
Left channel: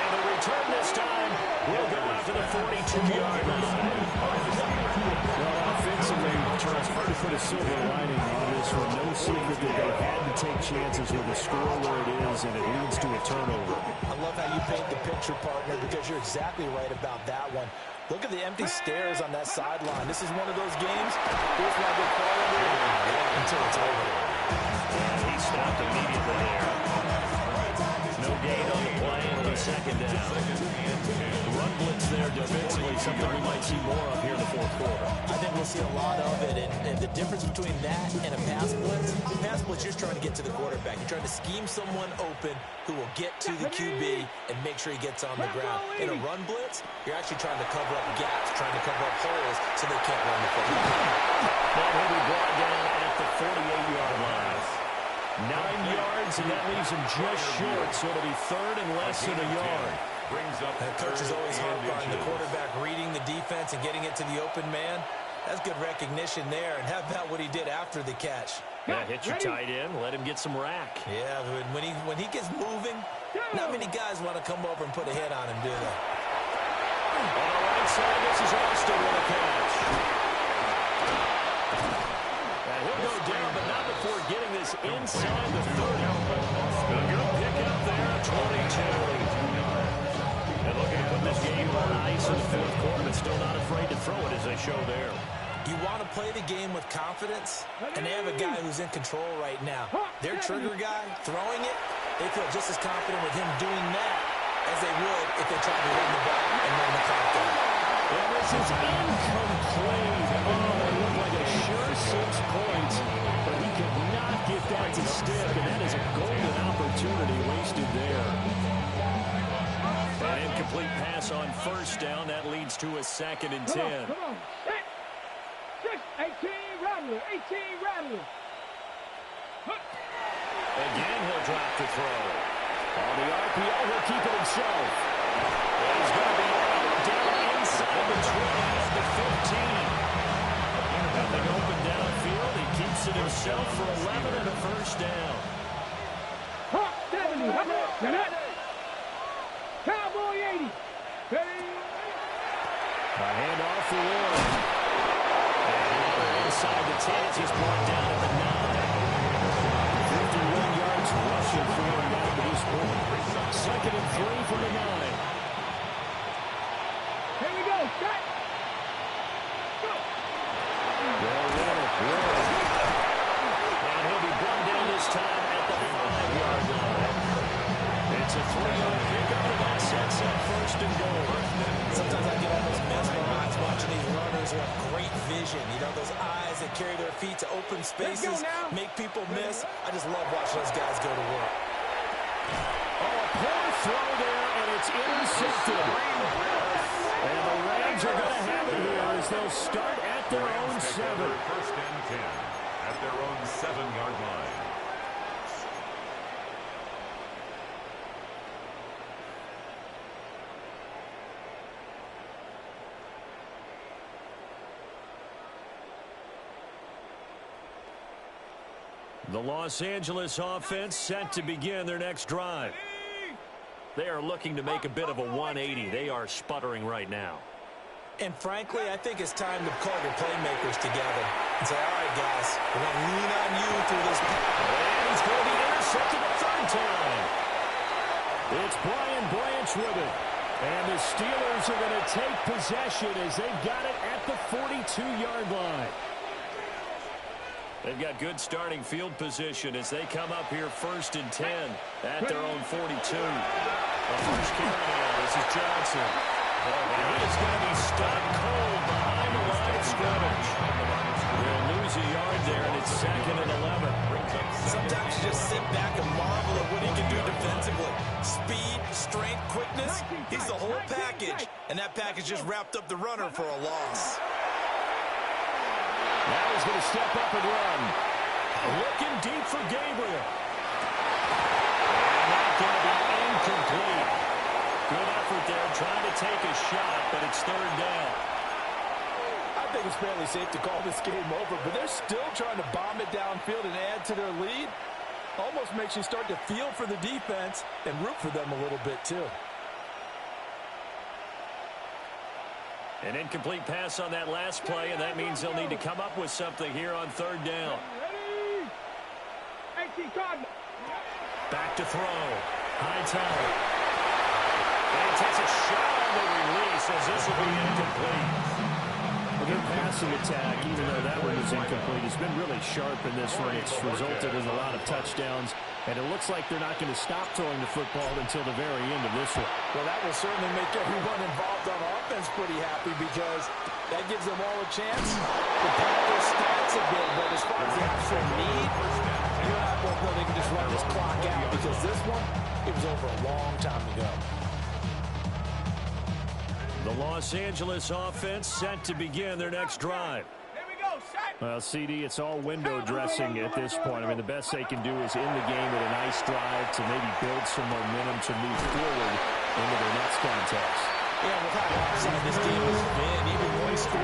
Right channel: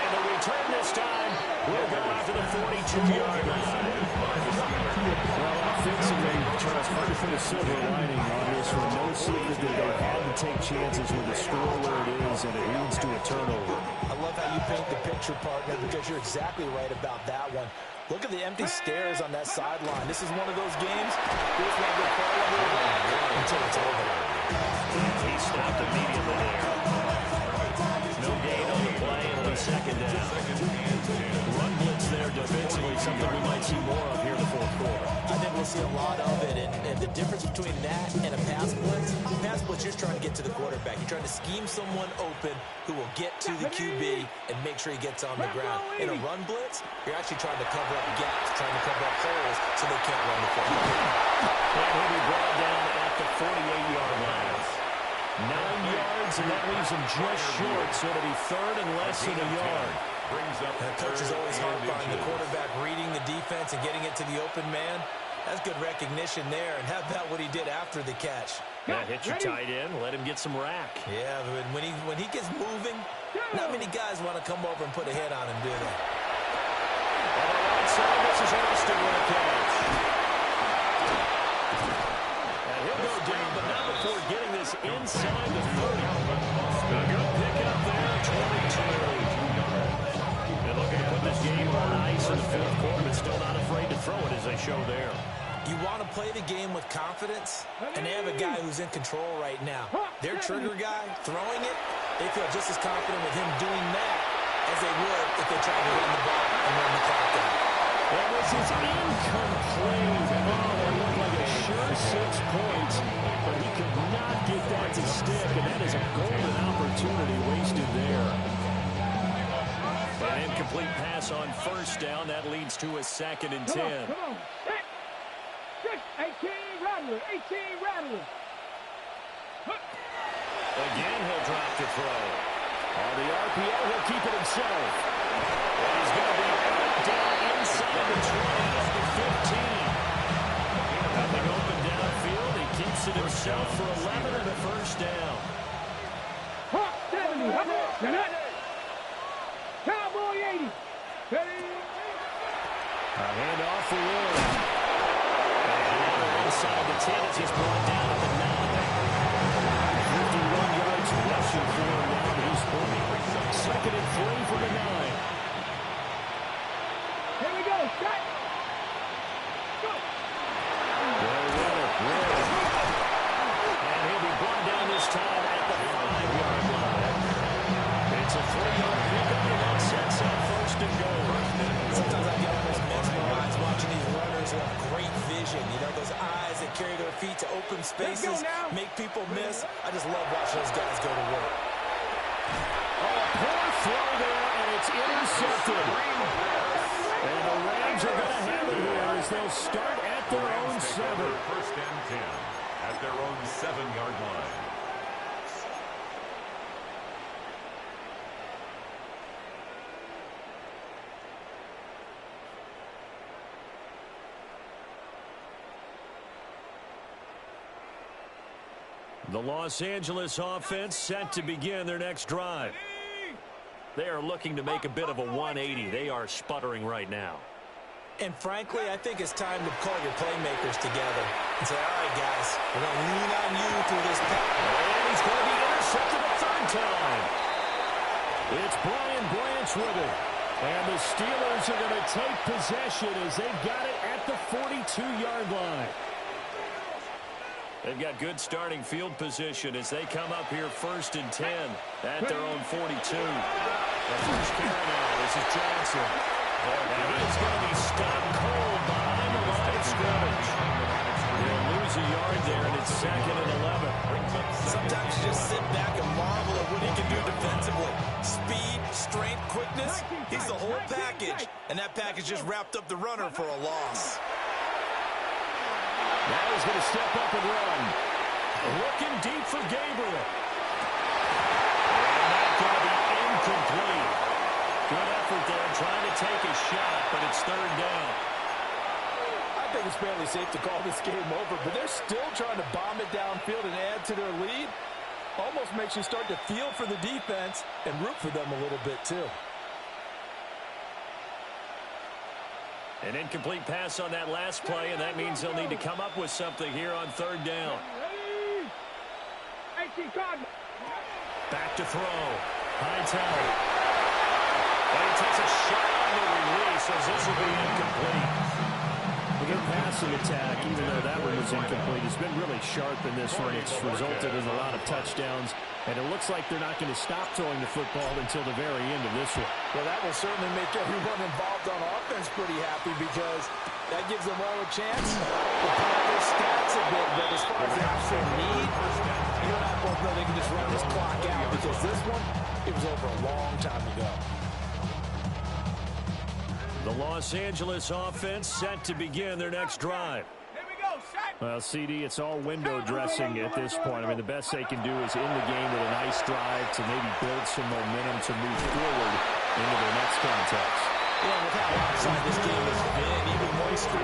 And the return this time will go out to the 42-yard line. Well, offensively, Charles, hard to put a silver lining on this one. No secret that they had to take chances with the score where it is, and it leads to a turnover. I love how you paint the picture, partner, because you're exactly right about that one. Look at the empty stares on that sideline. This is one of those games you just want to go crawl under a rock until it's over. And he stopped immediately there. No gain on the play, and it'll be 2nd down. Run blitz there defensively, something we might see more of here in the 4th quarter. I think we'll see a lot of it, and the difference between that and a pass blitz, you're just trying to get to the quarterback. You're trying to scheme someone open who will get to the QB and make sure he gets on the ground. In a run blitz, you're actually trying to cover up gaps, trying to cover up holes so they can't run the football. And he'll be brought down at the 48-yard line. 9 yards, and that leaves him just short, so it'll be 3rd and less than a yard. That coach is always harp on the quarterback reading the defense and getting it to the open man. That's good recognition there. And how about what he did after the catch? Yeah, hit your tight end, let him get some rack. Yeah, but when he gets moving, not many guys want to come over and put a hit on him, do they? On the right side, this is Austin with a catch. And he'll go down, but not before getting this inside the 30. A good pickup there, 22. And looking to put this game on ice in the 4th quarter, but still not afraid to throw it as they show there. You want to play the game with confidence, and they have a guy who's in control right now. Their trigger guy, throwing it, they feel just as confident with him doing that as they would if they tried to run the ball and run the clock out. Well, this is incomplete. Oh, it looked like a sure 6 points, but he could not get that to stick, and that is a golden opportunity wasted there. An incomplete pass on 1st down. That leads to a 2nd and 10. Come on. 18 Rattler. 18 Rattler. Again, he'll drop to throw. On the RPO, he'll keep it himself. Well, he's going to be out down inside the 20 of the 15. Nothing open downfield. He keeps it himself for 11 and a 1st down. Hawk 70. Cowboy 80. A handoff for Warren. And inside the 10 as he's brought down at the 9. 51 yards rushing for him now to this point. 2nd and 3 for the 9. Here we go. Shot. Go. They'll run it. Warren. And he'll be brought down this time at the 5-yard line. It's a 3-yard pickup, and that sets up 1st and goal. Sometimes I get almost mesmerized watching these runners who have great vision. You know, those eyes that carry their feet to open spaces, make people miss. I just love watching those guys go to work. Oh, a poor throw there, and it's intercepted. And the Rams are going to have it here as they'll start at their own 7. 1st and 10 at their own 7-yard line. The Los Angeles offense set to begin their next drive. They are looking to make a bit of a 180. They are sputtering right now. And frankly, I think it's time to call your playmakers together and say, all right, guys, we're going to lean on you through this pass. And he's going to be intercepted a 3rd time. It's Brian Branch with it. And the Steelers are going to take possession as they've got it at the 42-yard line. They've got good starting field position as they come up here 1st and 10 at their own 42. The first carry now. This is Johnson. And he is going to be stopped cold behind the line of scrimmage. They'll lose a yard there, and it's 2nd and 11. Sometimes you just sit back and marvel at what he can do defensively. Speed, strength, quickness, he's the whole package. And that package just wrapped up the runner for a loss. Now he's going to step up and run. Looking deep for Gabriel. And that's going to be incomplete. Good effort there trying to take a shot, but it's 3rd down. I think it's fairly safe to call this game over, but they're still trying to bomb it downfield and add to their lead. Almost makes you start to feel for the defense and root for them a little bit too. An incomplete pass on that last play, and that means they'll need to come up with something here on 3rd down. Back to throw. Hightower. And he takes a shot on the release as this will be incomplete. Well, their passing attack, even though that one was incomplete, has been really sharp in this one. It's resulted in a lot of touchdowns, and it looks like they're not going to stop throwing the football until the very end of this one. Well, that will certainly make everyone involved on offense pretty happy because that gives them all a chance to pad their stats a bit. But as far as the actual need, you and I both know they can just run this clock out because this one, it was over a long time ago. The Los Angeles offense set to begin their next drive. Here we go, set. Well, CD, it's all window dressing at this point. I mean, the best they can do is end the game with a nice drive to maybe build some momentum to move forward into their next contest. Yeah, with how lopsided this game has been, even one score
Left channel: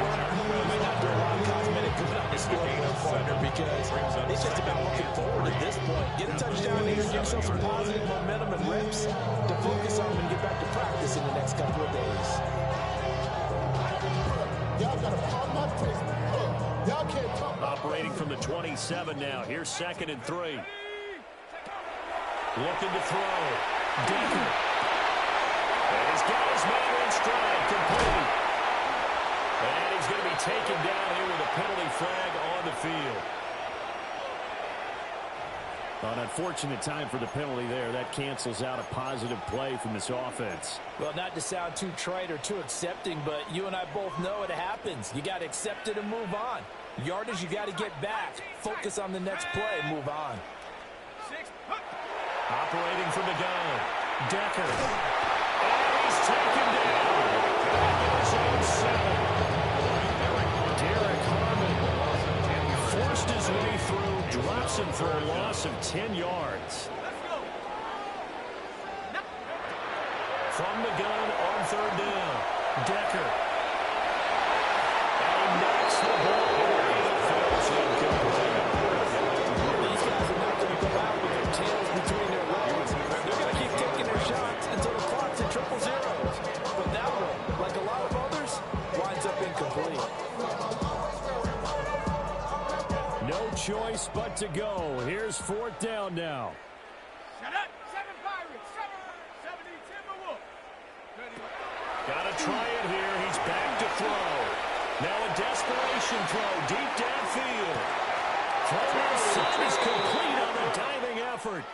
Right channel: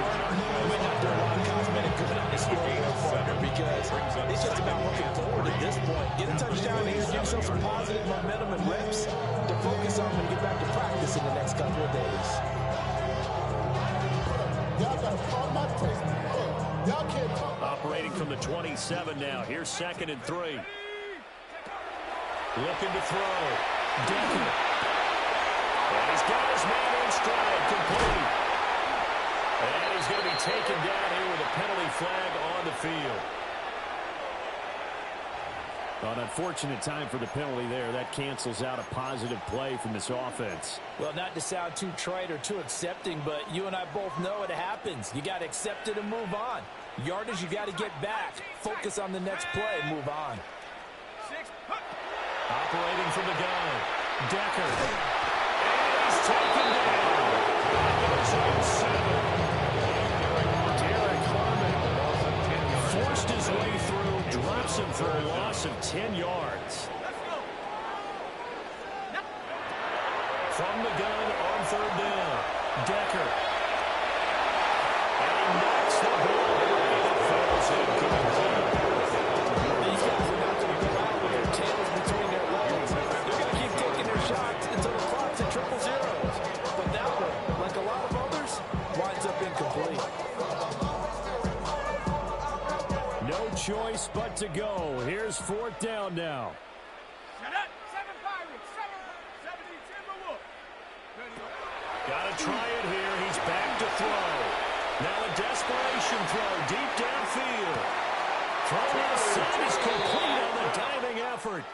might not do a lot of cosmetic good on the scoreboard partner because it's just about looking forward at this point. Get a touchdown here, give yourself some positive momentum and reps to focus on when you get back to practice in the next couple of days. Y'all got a problem, not taste. Look, y'all can't talk. Operating from the 27 now. Here's 2nd and 3. Looking to throw. Decker. And he's got his man in stride, complete. And he's going to be taken down here with a penalty flag on the field. An unfortunate time for the penalty there. That cancels out a positive play from this offense. Well, not to sound too trite or too accepting, but you and I both know it happens. You got to accept it and move on. Yardage, you got to get back. Focus on the next play, move on. Operating from the gun. Decker. And he's taken down. Back in his own 7. Derek Harmon forced his way through, drops him for a loss of 10 yards. From the gun on 3rd down. Decker. And he knocks the ball away. It falls incomplete. These guys are not going to go out with their tails between their legs. They're going to keep taking their shots until the clock's at 000. But that one, like a lot of others, winds up incomplete. No choice but to go. Here's 4th down now. Shut up. 7 Pirates. 70 Timberwolves. Got to try it here. He's back to throw. Now a desperation throw deep downfield. Throw outside is complete on the diving effort.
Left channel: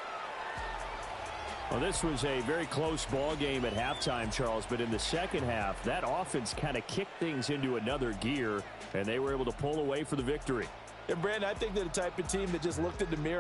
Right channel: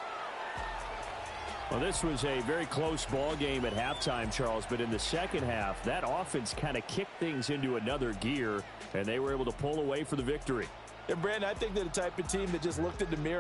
Well, this was a very close ball game at halftime, Charles, but in the second half, that offense kind of kicked things into another gear, and they were able to pull away for the victory. And, Brandon, I think they're the type of team that just looked in the mirror